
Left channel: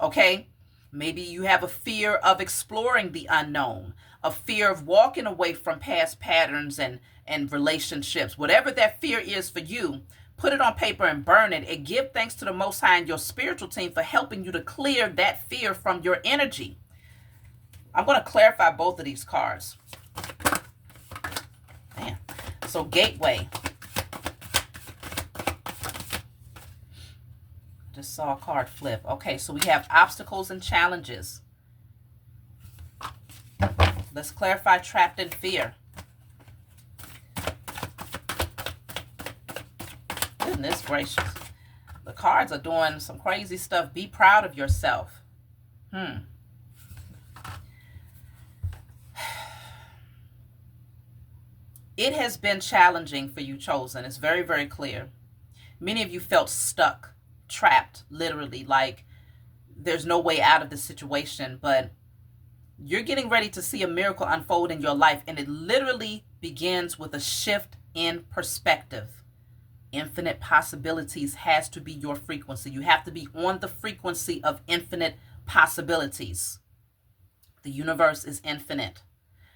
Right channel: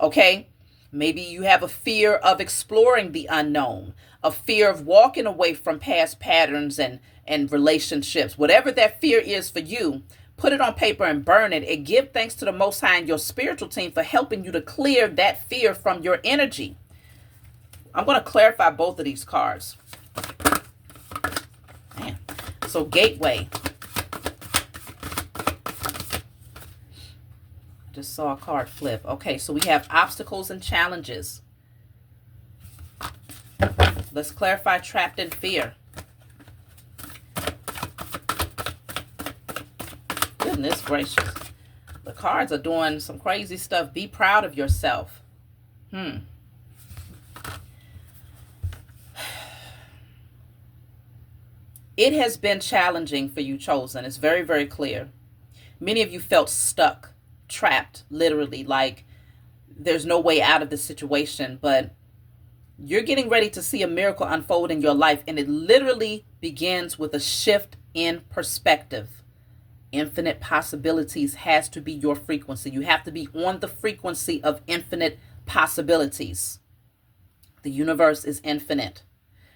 Okay? Maybe you have a fear of exploring the unknown, a fear of walking away from past patterns and relationships. Whatever that fear is for you, put it on paper and burn it, and give thanks to the Most High and your spiritual team for helping you to clear that fear from your energy. I'm going to clarify both of these cards. Man. So gateway. Just saw a card flip. Okay, so we have obstacles and challenges. Let's clarify trapped in fear. Goodness gracious. The cards are doing some crazy stuff. Be proud of yourself. It has been challenging for you, chosen. It's very, very clear. Many of you felt stuck, trapped, literally, like there's no way out of the situation, but you're getting ready to see a miracle unfold in your life, and it literally begins with a shift in perspective. Infinite possibilities has to be your frequency. You have to be on the frequency of infinite possibilities. The universe is infinite.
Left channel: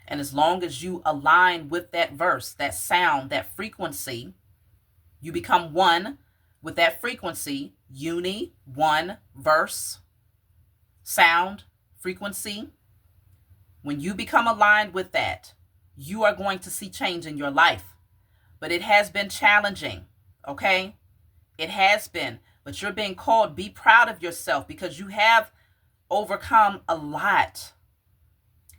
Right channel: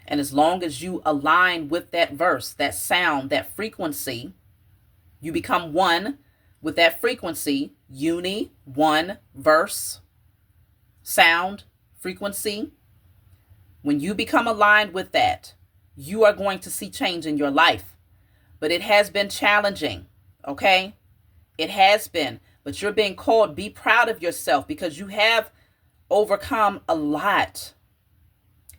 And as long as you align with that verse, that sound, that frequency, you become one with that frequency, one, verse, sound, frequency. When you become aligned with that, you are going to see change in your life. But it has been challenging, okay? It has been. But you're being called, be proud of yourself because you have overcome a lot.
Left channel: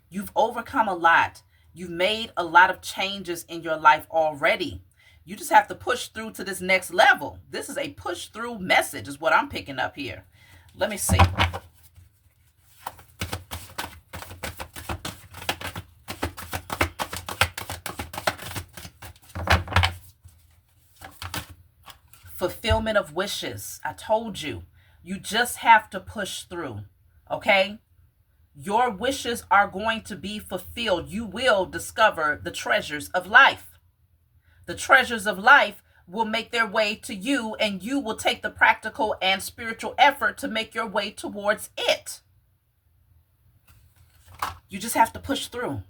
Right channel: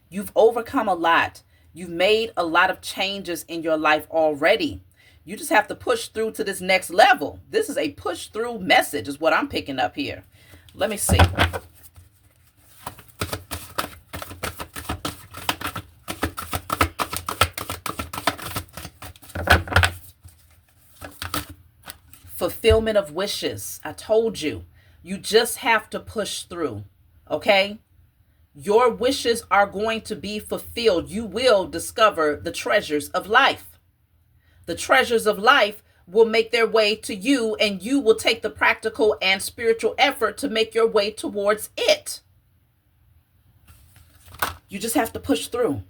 You've overcome a lot. You've made a lot of changes in your life already. You just have to push through to this next level. This is a push through message is what I'm picking up here. Let me see. Fulfillment of wishes. I told you. You just have to push through. Okay? Your wishes are going to be fulfilled. You will discover the treasures of life. The treasures of life will make their way to you, and you will take the practical and spiritual effort to make your way towards it. You just have to push through.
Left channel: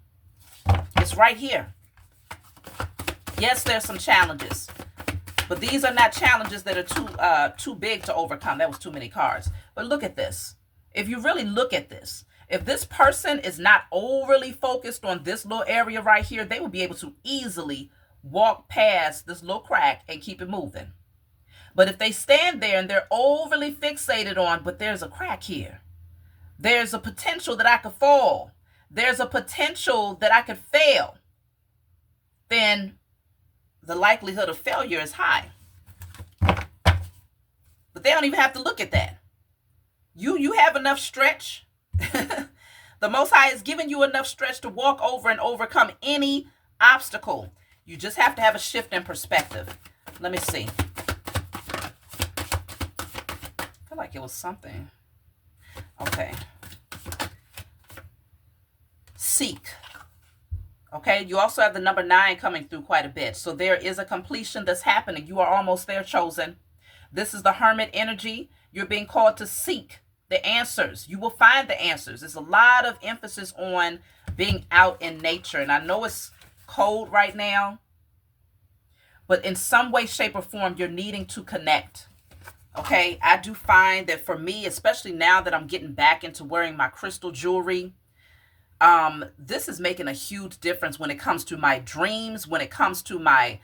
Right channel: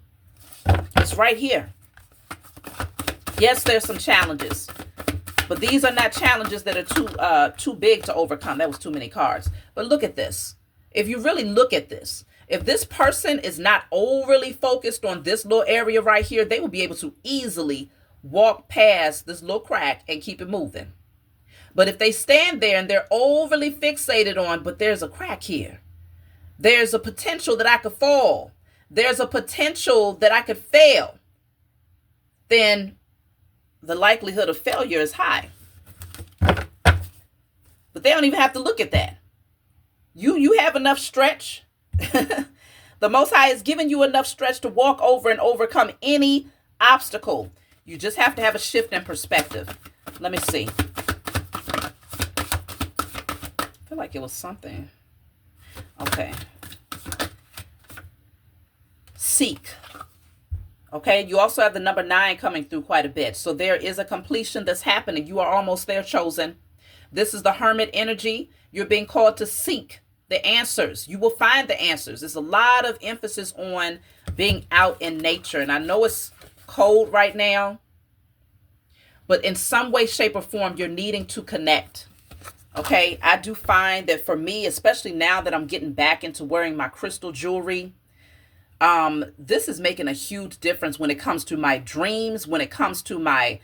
It's right here. Yes, there's some challenges, but these are not challenges that are too big to overcome. That was too many cards. But look at this. If you really look at this, if this person is not overly focused on this little area right here, they will be able to easily walk past this little crack and keep it moving. But if they stand there and they're overly fixated on, but there's a crack here, there's a potential that I could fall, there's a potential that I could fail, then the likelihood of failure is high. But they don't even have to look at that. You have enough stretch. The Most High has given you enough stretch to walk over and overcome any obstacle. You just have to have a shift in perspective. Let me see. I feel like it was something. Okay. Seek. Okay, you also have the number 9 coming through quite a bit. So there is a completion that's happening. You are almost there, chosen. This is the hermit energy. You're being called to seek the answers. You will find the answers. There's a lot of emphasis on being out in nature. And I know it's cold right now, But in some way, shape, or form, you're needing to connect. Okay, I do find that for me, especially now that I'm getting back into wearing my crystal jewelry, this is making a huge difference when it comes to my dreams, when it comes to my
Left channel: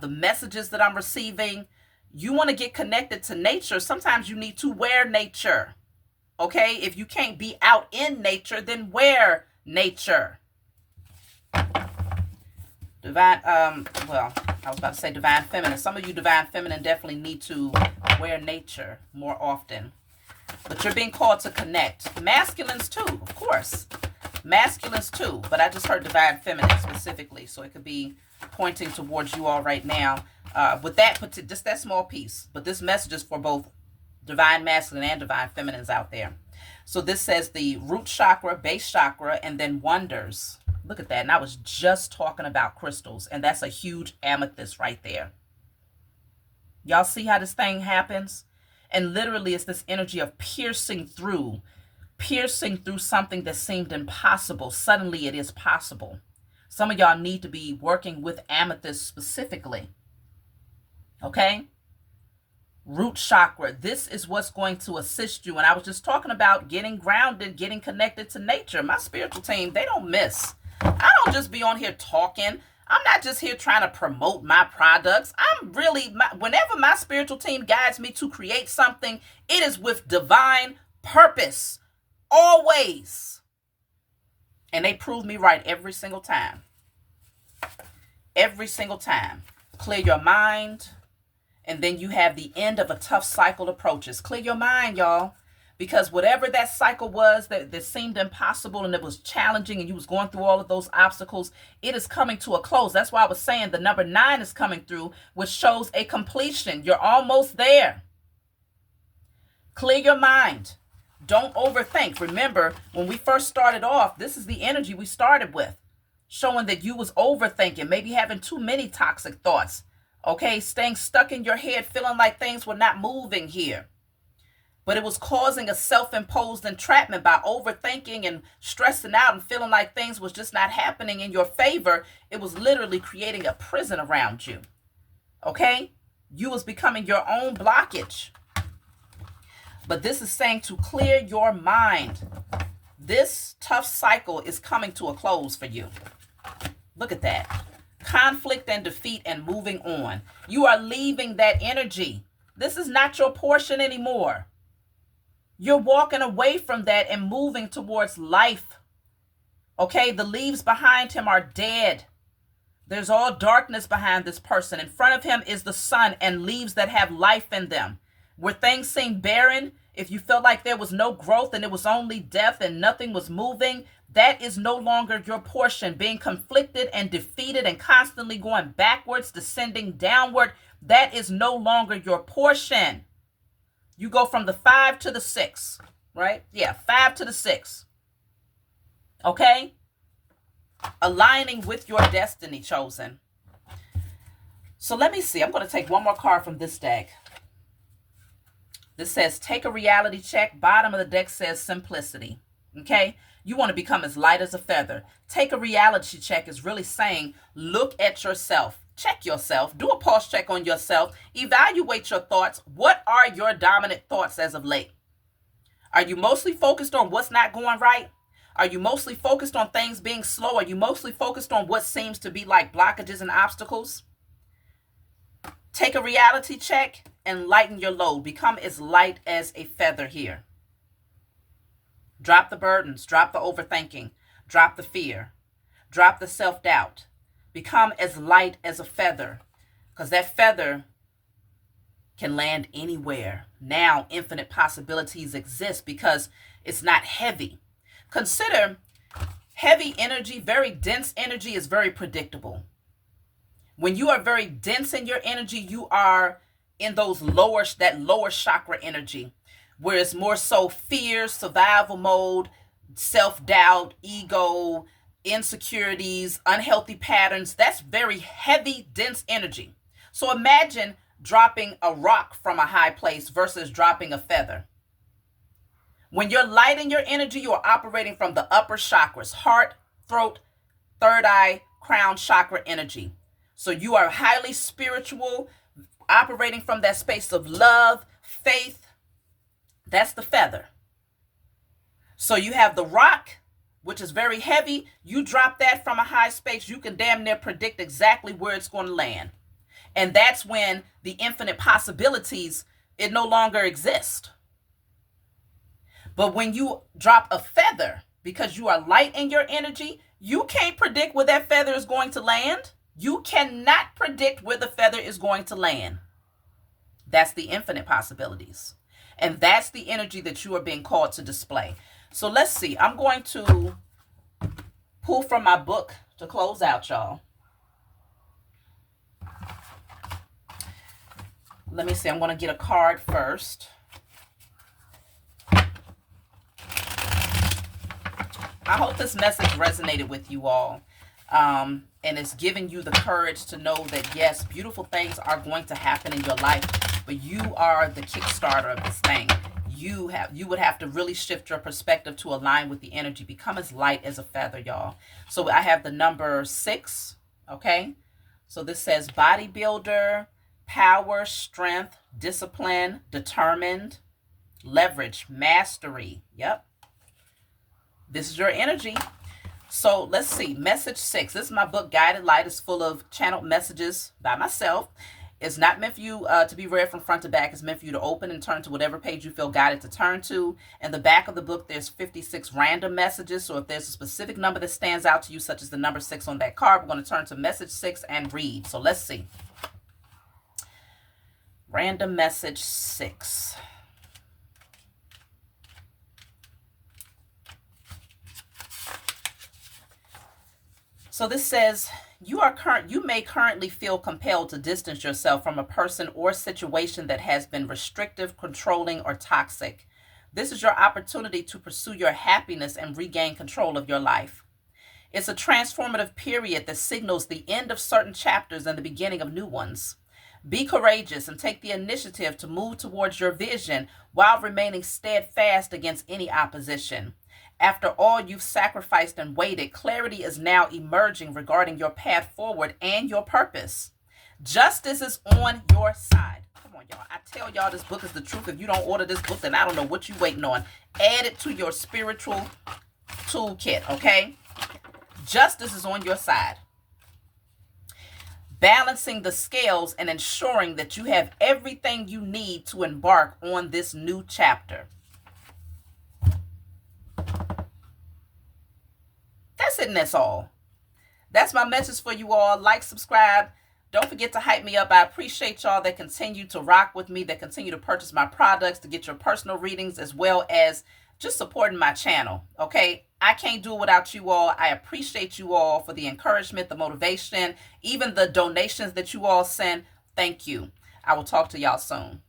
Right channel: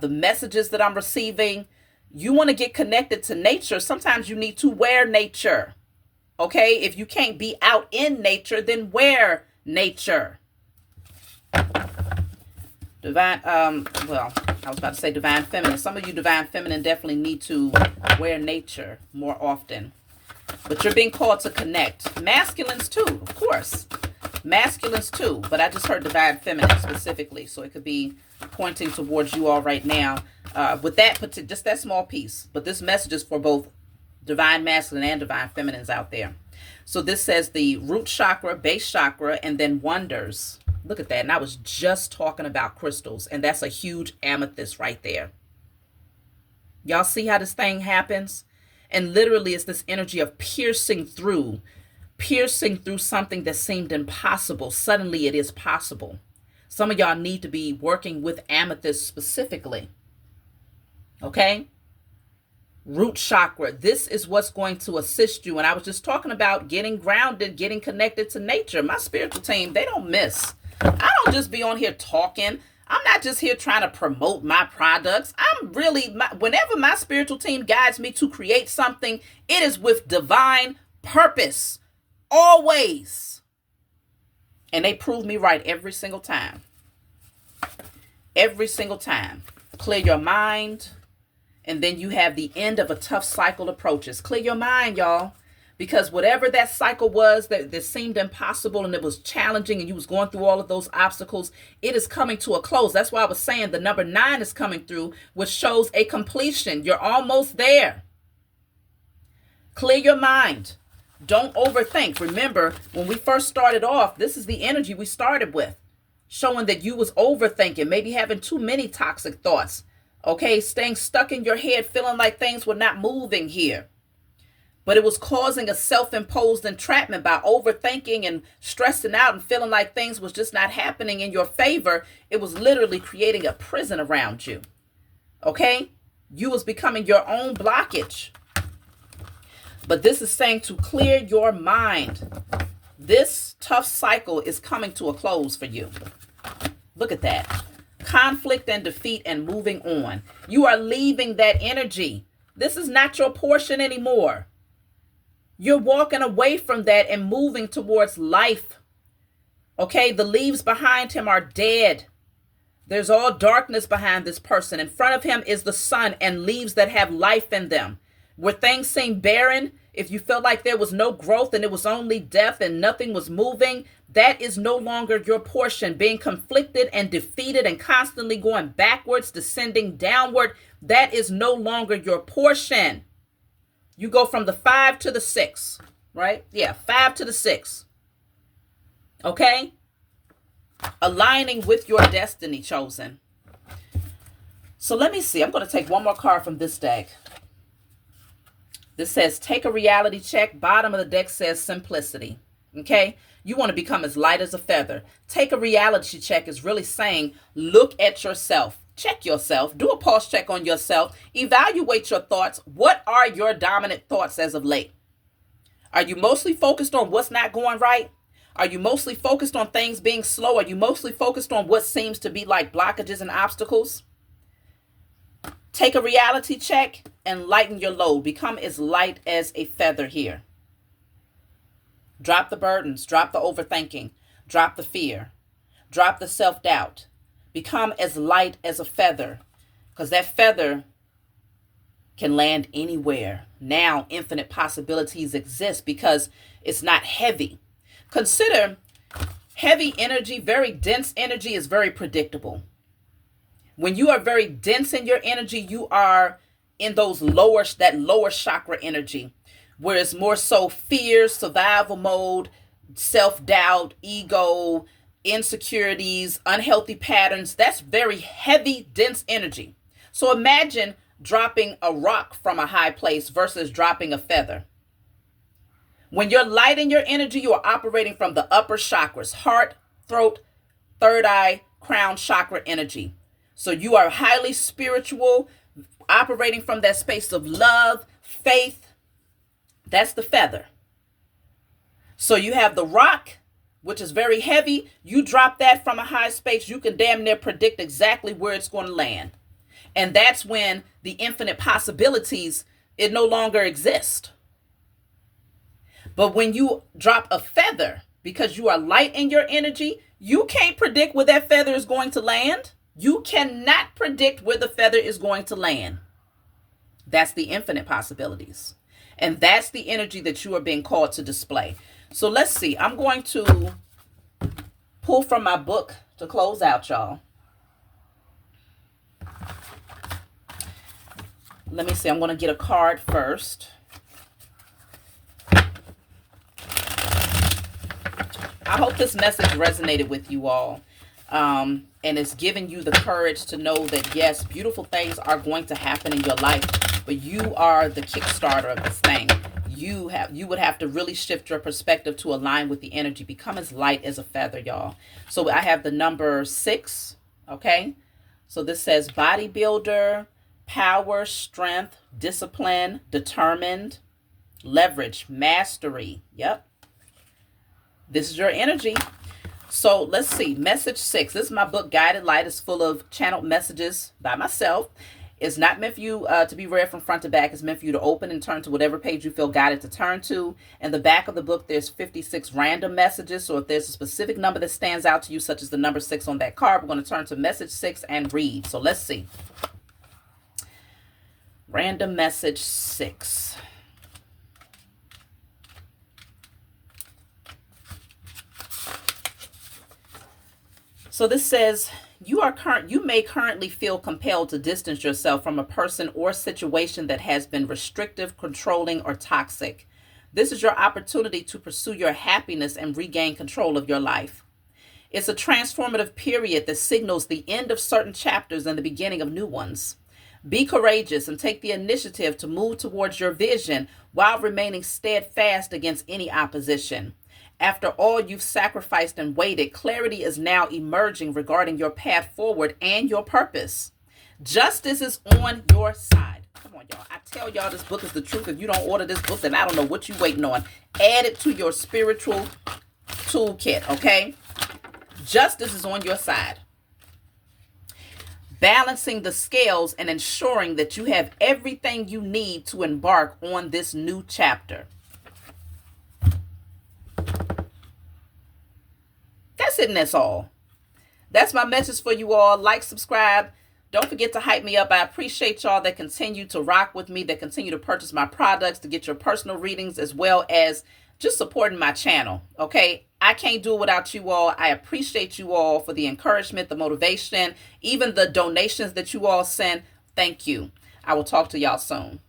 the messages that I'm receiving. You want to get connected to nature. Sometimes you need to wear nature. Okay, if you can't be out in nature, then wear nature. Divine, well, I was about to say divine feminine. Some of you divine feminine definitely need to wear nature more often. But you're being called to connect. Masculines too, of course. Masculines too. But I just heard divine feminine specifically. So it could be pointing towards you all right now. With that, just that small piece. But this message is for both divine masculine and divine feminines out there. So this says the root chakra, base chakra, and then wonders. Look at that. And I was just talking about crystals. And that's a huge amethyst right there. Y'all see how this thing happens? And literally it's this energy of piercing through something that seemed impossible. Suddenly it is possible. Some of y'all need to be working with amethyst specifically. Okay? Root chakra. This is what's going to assist you. And I was just talking about getting grounded, getting connected to nature. My spiritual team, they don't miss. I don't just be on here talking. I'm not just here trying to promote my products. I'm really, whenever my spiritual team guides me to create something, it is with divine purpose. Always. And they prove me right every single time. Every single time. Clear your mind. And then you have the end of a tough cycle approaches. Clear your mind, y'all. Because whatever that cycle was that seemed impossible and it was challenging and you was going through all of those obstacles, it is coming to a close. That's why I was saying the number 9 is coming through, which shows a completion. You're almost there. Clear your mind. Don't overthink. Remember, when we first started off, this is the energy we started with, showing that you was overthinking, maybe having too many toxic thoughts. Okay, staying stuck in your head, feeling like things were not moving here. But it was causing a self-imposed entrapment by overthinking and stressing out and feeling like things was just not happening in your favor. It was literally creating a prison around you. Okay? You was becoming your own blockage. But this is saying to clear your mind. This tough cycle is coming to a close for you. Look at that. Conflict and defeat and moving on. You are leaving that energy. This is not your portion anymore. You're walking away from that and moving towards life. Okay, the leaves behind him are dead. There's all darkness behind this person. In front of him is the sun and leaves that have life in them. Where things seem barren, if you felt like there was no growth and it was only death and nothing was moving, that is no longer your portion. Being conflicted and defeated and constantly going backwards, descending downward, that is no longer your portion. You go from the 5 to the 6, right? Yeah, 5 to the 6. Okay? Aligning with your destiny, chosen. So let me see. I'm going to take one more card from this deck. This says, take a reality check. Bottom of the deck says simplicity. Okay? You want to become as light as a feather. Take a reality check is really saying, look at yourself. Check yourself. Do a pulse check on yourself. Evaluate your thoughts. What are your dominant thoughts as of late? Are you mostly focused on what's not going right? Are you mostly focused on things being slow? Are you mostly focused on what seems to be like blockages and obstacles? Take a reality check and lighten your load. Become as light as a feather here. Drop the burdens. Drop the overthinking. Drop the fear. Drop the self-doubt. Become as light as a feather, because that feather can land anywhere. Now infinite possibilities exist because it's not heavy. Consider heavy energy, very dense energy is very predictable. When you are very dense in your energy, you are in that lower chakra energy, where it's more so fear, survival mode, self-doubt, ego, insecurities, unhealthy patterns. That's very heavy, dense energy. So imagine dropping a rock from a high place versus dropping a feather. When you're light in your energy, you are operating from the upper chakras, heart, throat, third eye, crown chakra energy. So you are highly spiritual, operating from that space of love, faith. That's the feather. So you have the rock, which is very heavy. You drop that from a high space, you can damn near predict exactly where it's going to land. And that's when the infinite possibilities, it no longer exists. But when you drop a feather, because you are light in your energy, you can't predict where that feather is going to land. You cannot predict where the feather is going to land. That's the infinite possibilities. And that's the energy that you are being called to display. So let's see. I'm going to pull from my book to close out, y'all. Let me see. I'm going to get a card first. I hope this message resonated with you all. And it's giving you the courage to know that, yes, beautiful things are going to happen in your life, but you are the Kickstarter of this thing. You would have to really shift your perspective to align with the energy. Become as light as a feather, y'all. So I have the number 6, okay? So this says bodybuilder, power, strength, discipline, determined, leverage, mastery. Yep. This is your energy. So let's see. Message 6. This is my book, Guided Light. It's full of channeled messages by myself. It's not meant for you to be read from front to back. It's meant for you to open and turn to whatever page you feel guided to turn to. In the back of the book, there's 56 random messages. So if there's a specific number that stands out to you, such as the number 6 on that card, we're going to turn to message 6 and read. So let's see. Random message 6. So this says, you may currently feel compelled to distance yourself from a person or situation that has been restrictive, controlling, or toxic. This is your opportunity to pursue your happiness and regain control of your life. It's a transformative period that signals the end of certain chapters and the beginning of new ones. Be courageous and take the initiative to move towards your vision while remaining steadfast against any opposition. After all you've sacrificed and waited, clarity is now emerging regarding your path forward and your purpose. Justice is on your side. Come on, y'all. I tell y'all this book is the truth. If you don't order this book, then I don't know what you're waiting on. Add it to your spiritual toolkit, okay? Justice is on your side. Balancing the scales and ensuring that you have everything you need to embark on this new chapter. That's it, and that's all. That's my message for you all. Like, subscribe. Don't forget to hype me up. I appreciate y'all that continue to rock with me, that continue to purchase my products, to get your personal readings, as well as just supporting my channel, okay? I can't do it without you all. I appreciate you all for the encouragement, the motivation, even the donations that you all send. Thank you. I will talk to y'all soon.